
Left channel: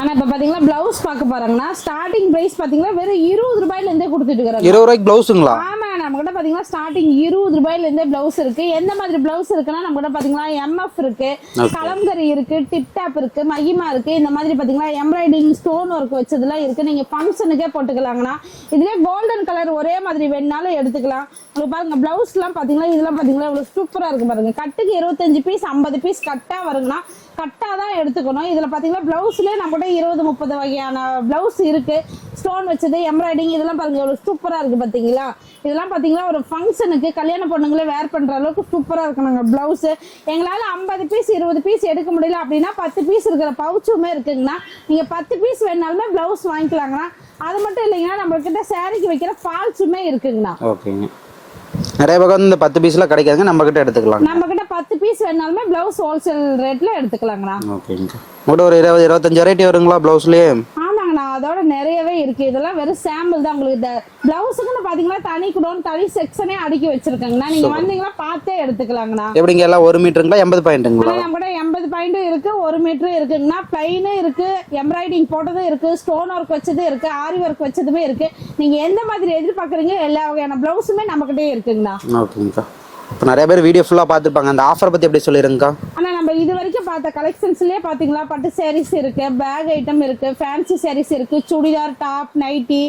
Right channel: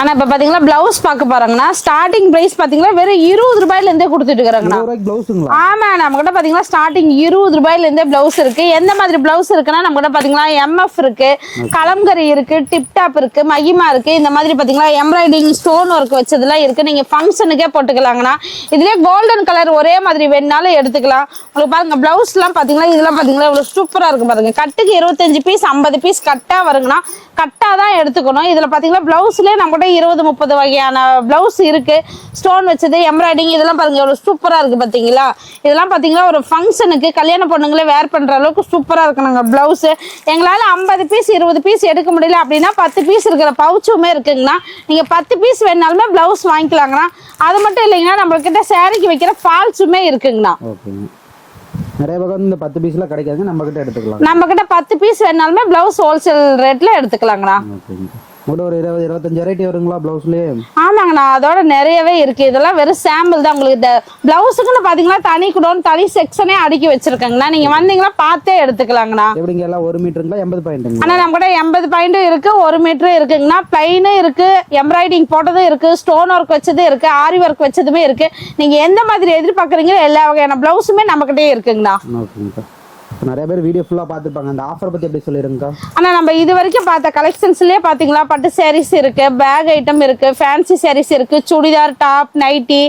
ஆனால் இப்போ பார்த்தீங்கன்னா பிளவுஸ் பார்க்க போறாங்கன்னா ஸ்டார்டிங் பிரைஸ் பார்த்தீங்கன்னா வெறும் 20 ரூபாயிலேருந்தே கொடுத்துட்டு இருக்காங்க. 20 ரூபாய்க்கு பிளவுஸுங்களா? ஆமாம் நம்ம கிட்ட பார்த்தீங்கன்னா ஸ்டார்டிங் 20 ரூபாயிலேருந்தே பிளவுஸ் இருக்கு. எந்த மாதிரி பிளவுஸ் இருக்குன்னா நம்ம கிட்ட பார்த்தீங்கன்னா MF இருக்கு, கலம்கரி இருக்கு, டிப்டாப் இருக்கு, மகிமா இருக்கு. இந்த மாதிரி பார்த்தீங்கன்னா எம்ப்ராய்டிங் ஸ்டோன் ஒர்க் வச்சதுலாம் இருக்கு. நீங்க ஃபங்க்ஷனுக்கே போட்டுக்கலாங்கண்ணா. இதுலேயே கோல்டன் கலர் ஒரே மாதிரி வேணுனாலும் எடுத்துக்கலாம். உங்களுக்கு பாருங்க பிளவுஸ்லாம் பார்த்தீங்கன்னா இதெல்லாம் பார்த்தீங்கன்னா இவ்வளோ சூப்பராக இருக்கு பாருங்க. கட்டுக்கு 25 பீஸ் 50 பீஸ் கட்டா வருங்கண்ணா. கட்டா தான் எடுத்துக்கணும். இதில் பார்த்தீங்கன்னா பிளவுஸ்லேயே நம்ம 20 30 வகையான பிளவுஸ் இருக்கு. ஸ்டோன் வச்சது எம்ப்ராய்டிங் இதெல்லாம் பாருங்க எவ்வளவு சூப்பரா இருக்கு. பாத்தீங்களா இதெல்லாம் பாத்தீங்கன்னா ஒரு ஃபங்க்ஷனுக்கு கல்யாண பொண்ணுங்களே வேர் பண்ற அளவுக்கு சூப்பரா இருக்கு. நாங்க பிளவுஸ் எங்களால 50 பீஸ் 20 பீஸ் எடுக்க முடியல அப்படின்னா 10 பீஸ் இருக்கிற பவுச்சுமே இருக்குங்கண்ணா. நீங்க 10 பீஸ் வேணாலுமே பிளவுஸ் வாங்கிக்கலாங்கண்ணா. அது மட்டும் இல்லைங்கன்னா நம்ம கிட்ட சாரிக்கு வைக்கிற ஃபால்ஸுமே இருக்குங்கண்ணா. ஓகேங்க. நிறைய பக்கம் இந்த 10 பீஸ்ல கிடைக்காதுங்க, நம்ம கிட்ட எடுத்துக்கலாம். நம்ம கிட்ட 10 பீஸ் வேணாலுமே பிளவுஸ் ஹோல்சேல் ரேட்ல எடுத்துக்கலாங்கண்ணா. ஓகேங்க. ஒரு 20-25 வெரைட்டி வருங்களா பிளவுஸ்லயே? ஆமாங்கண்ணா அதோட நிறையவே இருக்கு. இதெல்லாம் வெறும் சாம்பிள் தான். உங்களுக்கு இந்த பிளவுஸுக்குன்னு பாத்தீங்கன்னா தனி குடோன் தனி செக்ஷனே அடுக்கி வச்சிருக்காங்கண்ணா. நீங்க வந்தீங்கன்னா பார்த்தே எடுத்துக்கலாங்கண்ணா. எப்படிங்க எல்லாம் 1 மீட்டருங்களா 80 பாயிண்ட்டுங்களா? ஆனா நம்ம கூட 80 பாயிண்ட் இருக்கு, 1 மீட்டர் இருக்குங்கண்ணா. பிளைனும் இருக்கு, எம்ப்ராய்டிங் போட்டதும் இருக்கு, ஸ்டோன் ஒர்க் வச்சதும் இருக்கு, ஆரி ஒர்க் வச்சதுமே இருக்கு. நீங்க எந்த மாதிரி எதிர்பார்க்குறீங்களோ எல்லா வகையான பிளவுஸுமே நம்ம கிட்டே இருக்குங்கண்ணா. ஓகேங்கக்கா. இப்போ நிறைய பேர் வீடியோ ஃபுல்லாக பார்த்துருப்பாங்க, அந்த ஆஃபர் பற்றி எப்படி சொல்லிடுங்கக்கா? ஆனால் நம்ம இது வரைக்கும் பார்த்த கலெக்ஷன்ஸ்லேயே பார்த்தீங்களா பட்டு சாரீஸ் இருக்குது, பேக் ஐட்டம் இருக்குது, ஃபேன்சி சாரீஸ் இருக்குது, churidar, top, nighty,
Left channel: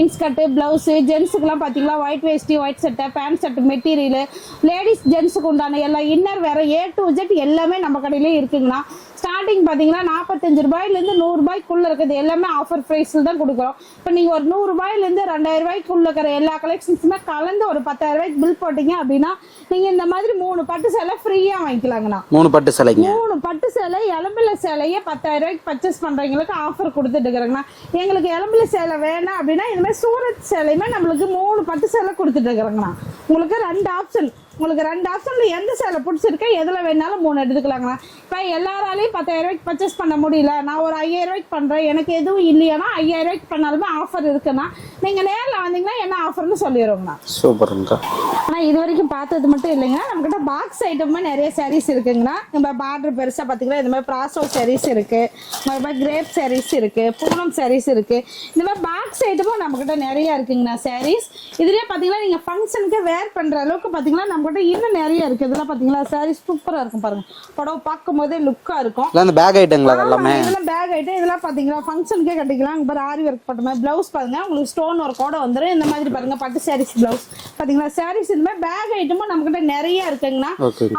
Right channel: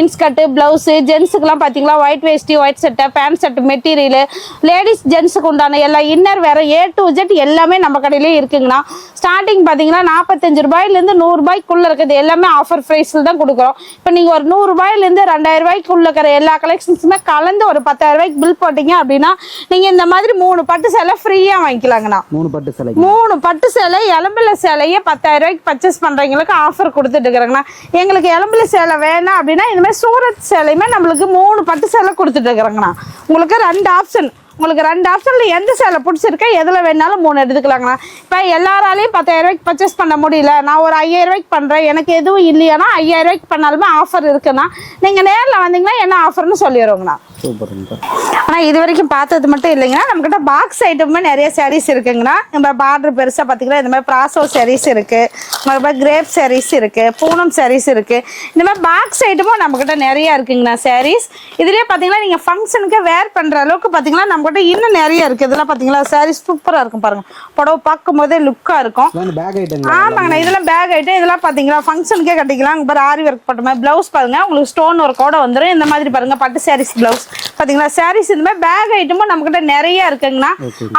inskirt, blouse, ஜென்ஸுக்குலாம் பார்த்தீங்களா ஒயிட் வேஸ்ட்டி, ஒயிட் சட்டை, பேண்ட் ஷர்ட் மெட்டீரியலு, லேடிஸ் ஜென்ஸுக்கு உண்டான எல்லா இன்னர் வேறு A to Z எல்லாமே நம்ம கடையிலே இருக்குங்கண்ணா. ஸ்டார்டிங் பார்த்தீங்கன்னா 45 ரூபாயிலேருந்து 100 ரூபாய்க்குள்ளே இருக்குது எல்லாமே ஆஃபர் ப்ரைஸில் தான் கொடுக்குறோம். இப்போ நீங்கள் ஒரு 100 ரூபாயிலேருந்து 2000 ரூபாய்க்குள்ள இருக்கிற எல்லா கலெக்ஷன்ஸுமே கலந்து ஒரு 10,000 ரூபாய்க்கு பில் போட்டிங்க அப்படின்னா நீங்கள் இந்த மாதிரி 3 பட்டு சேலை ஃப்ரீயாக வாங்கிக்கலாங்கண்ணா. 3 பட்டு சேலை, 3 பட்டு சேலை எலம்பில சேலையே 10,000 ரூபாய்க்கு பர்ச்சேஸ் பண்ணுறவங்களுக்கு ஆஃபர் கொடுத்துட்டு இருக்கிறாங்கண்ணா. எங்களுக்கு எலம்பில சேலை வேணாம் அப்படின்னா இந்த மாதிரி சூரத் சேலையுமே நம்மளுக்கு 3 பட்டு சேலை கொடுத்துட்டு இருக்கிறாங்கண்ணா. உங்களுக்கு 2 ஆப்ஷன், உங்களுக்கு 2 ஆப்ஷனில் எந்த சேலை பிடிச்சிருக்கா எதில் வேணாலும் 3 எடுத்துக்கலாங்கண்ணா. இப்போ எல்லாராலையும் 10,000 ரூபாய்க்கு பர்ச்சேஸ் பண்ண முடியல, நான் ஒரு 5,000 ரூபாய்க்கு பண்ணுறேன், எனக்கு எதுவும் இல்லையானா 5,000 ரூபாய்க்கு பண்ணாலுமே ஆஃபர் இருக்குண்ணா. நீங்கள் நேரில் வந்தீங்கன்னா என்ன ஆஃபர்னு சொல்லிடுவோங்கண்ணா. சூப்பருங்கக்கா. ஆனால் இது வரைக்கும் பார்த்தது மட்டும் இல்லைங்கன்னா நம்மக்கிட்ட பாக்ஸ் ஐட்டமுமே நிறைய சாரீஸ் இருக்குங்கண்ணா. நம்ம பார்டர் பெருசாக பார்த்தீங்கன்னா இந்த மாதிரி ப்ராசோ சாரீஸ் இருக்குது, மறுபடியும் கிரேப் சாரீஸ் இருக்குது, பூனம் சாரீஸ் இருக்குது. இந்த மாதிரி பாக்ஸ் ஐட்டமும் நம்மக்கிட்ட நிறைய இருக்குங்கண்ணா சாரீஸ். இதுலேயே பார்த்தீங்கன்னா நீங்கள் ஃபங்க்ஷனுக்கு வேர் பண்ணுற அளவுக்கு பார்த்தீங்கன்னா நம்மகிட்ட இன்னும் நிறைய இருக்குது. இதெல்லாம் பார்த்தீங்களா சாரீஸ் சூப்பராக இருக்கும் பாருங்கள், புடவை பார்க்கும் போதே லுக்காக இருக்கும். பேக் ஐட்டங்களா? ஆமாங்கண்ணா, இதெல்லாம் பேக் ஐட்டம். இதெல்லாம் பார்த்தீங்களா ஃபங்க்ஷனுக்கே கட்டிக்கலாம். இங்கே பாரு ஆரி ஒர்க் போட்ட மாதிரி ப்ளவுஸ் பாருங்கள், உங்களுக்கு ஸ்டோன் ஒர்க்கோட வந்துடும். இந்த மாதிரி பாருங்கள் பட்டு சாரீஸ் ப்ளவுஸ் பார்த்தீங்களா. சாரீஸ் இந்த மாதிரி பேக் ஐட்டமும் நம்மகிட்ட நிறைய இருக்குங்கண்ணா.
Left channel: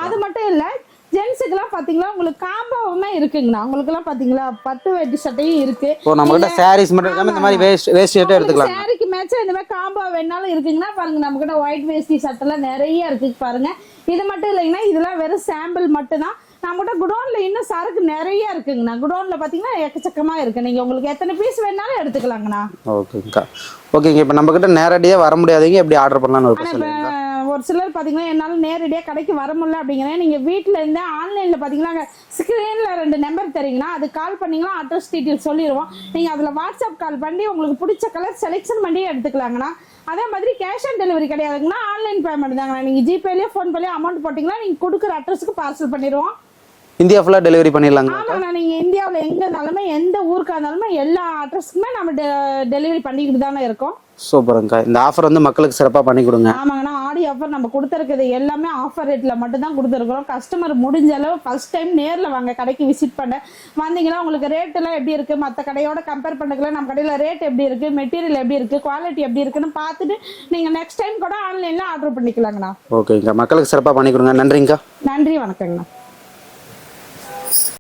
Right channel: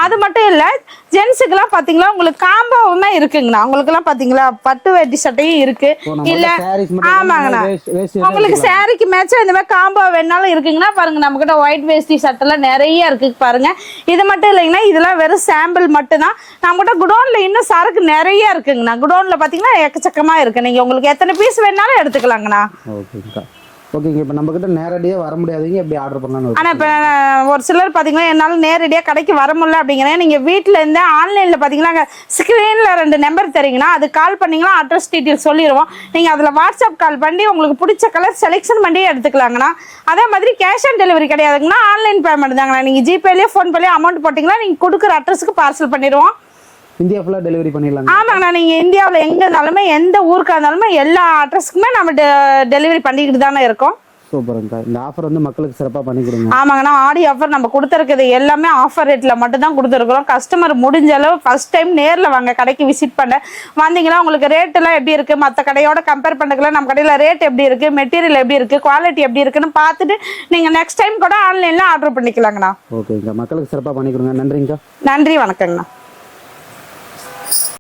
அது மட்டும் இல்லை ஜென்ஸுக்குலாம் பார்த்தீங்களா உங்களுக்கு காம்போவுமே இருக்குங்கண்ணா. உங்களுக்குலாம் பார்த்தீங்களா பட்டு வேட்டி சட்டையும் இருக்கு. உங்களுக்கு சாரிக்கு மேட்சா இந்த மாதிரி காம்போ வேணாலும் இருக்குங்கண்ணா. பாருங்க நம்மகிட்ட ஒயிட் வேஸ்டி சட்டைலாம் நிறைய இருக்கு பாருங்க. இது மட்டும் இல்லைங்கன்னா இதெல்லாம் வெறும் சாம்பிள் மட்டும் தான். நம்மகிட்ட குடோன்ல இன்னும் சரக்கு நிறைய இருக்குங்கண்ணா. குடோன்ல பார்த்தீங்கன்னா எக்கச்சக்கமா இருக்கு. நீங்க உங்களுக்கு எத்தனை பீஸ் வேணாலும் எடுத்துக்கலாங்கண்ணா. ஓகேங்கக்கா. ஓகேங்க. இப்போ நம்மக்கிட்ட நேரடியாக வர முடியாதீங்க, எப்படி ஆர்டர் பண்ணலாம்னு? ஆனால் இப்போ ஒரு சிலர் பார்த்தீங்கன்னா என்னால் நேரடியாக கடைக்கு வர முடியல அப்படிங்கிறேன். நீங்கள் வீட்டில் இருந்து ஆன்லைனில் பார்த்தீங்கன்னா ஸ்க்ரீனில் 2 நம்பர் தரீங்கன்னா அது கால் பண்ணிங்கன்னா அட்ரஸ் டீட்டெயில் சொல்லிடுவோம். நீங்கள் அதில் வாட்ஸ்அப் கால் பண்ணி உங்களுக்கு பிடிச்ச கலர் செலெக்ஷன் பண்ணி எடுத்துக்கலாங்கண்ணா. அதே மாதிரி கேஷ் ஆன் டெலிவரி கிடையாதுங்கண்ணா, ஆன்லைன் பேமெண்ட் தாங்கண்ணா. நீங்கள் ஜிபேலேயே ஃபோன்பேலேயே அமௌண்ட் போட்டிங்கன்னா நீங்கள் கொடுக்குற அட்ரஸுக்கு பார்சல் பண்ணிடுவோம். இந்தியா ஃபுல்லாக டெலிவரி பண்ணிடலாங்க? ஆமாங்கண்ணா, நீங்கள் இந்தியாவில் எங்கே இருந்தாலுமே எந்த ஊருக்காக இருந்தாலுமே எல்லா அட்ரஸுக்குமே நம்ம டெலிவரி பண்ணிக்கிட்டு தானே இருக்கோம். சூப்பருங்கக்கா. இந்த ஆஃபர் வந்து மக்களுக்கு சிறப்பாக பண்ணி கொடுங்க. ஆமாங்கண்ணா, ஆடி ஆஃபர் நம்ம கொடுத்துருக்குது எல்லாமே ஆஃபர் ரேட்டில் மட்டும் தான் கொடுத்துருக்குறோம். கஸ்டமர் முடிஞ்ச அளவு ஃபர்ஸ்ட் டைம் நேரில் வாங்க, கடைக்கு விசிட் பண்ண வந்தீங்கன்னா உங்களுக்கு ரேட்டெல்லாம் எப்படி இருக்குது, மற்ற கடையோட கம்பேர் பண்ணிக்கலாம், நம்ம கடையில் ரேட் எப்படி இருக்குது, மெட்டீரியல் எப்படி இருக்குது, குவாலிட்டி எப்படி இருக்குன்னு பார்த்துட்டு நீங்கள் நெக்ஸ்ட் டைம் கூட ஆன்லைனில் ஆர்டர் பண்ணிக்கலாங்கண்ணா. ஓகேங்கக்கா. மக்களுக்கு சிறப்பாக பண்ணி கொடுங்க. நன்றிங்கக்கா. நன்றி, வணக்கங்கண்ணா.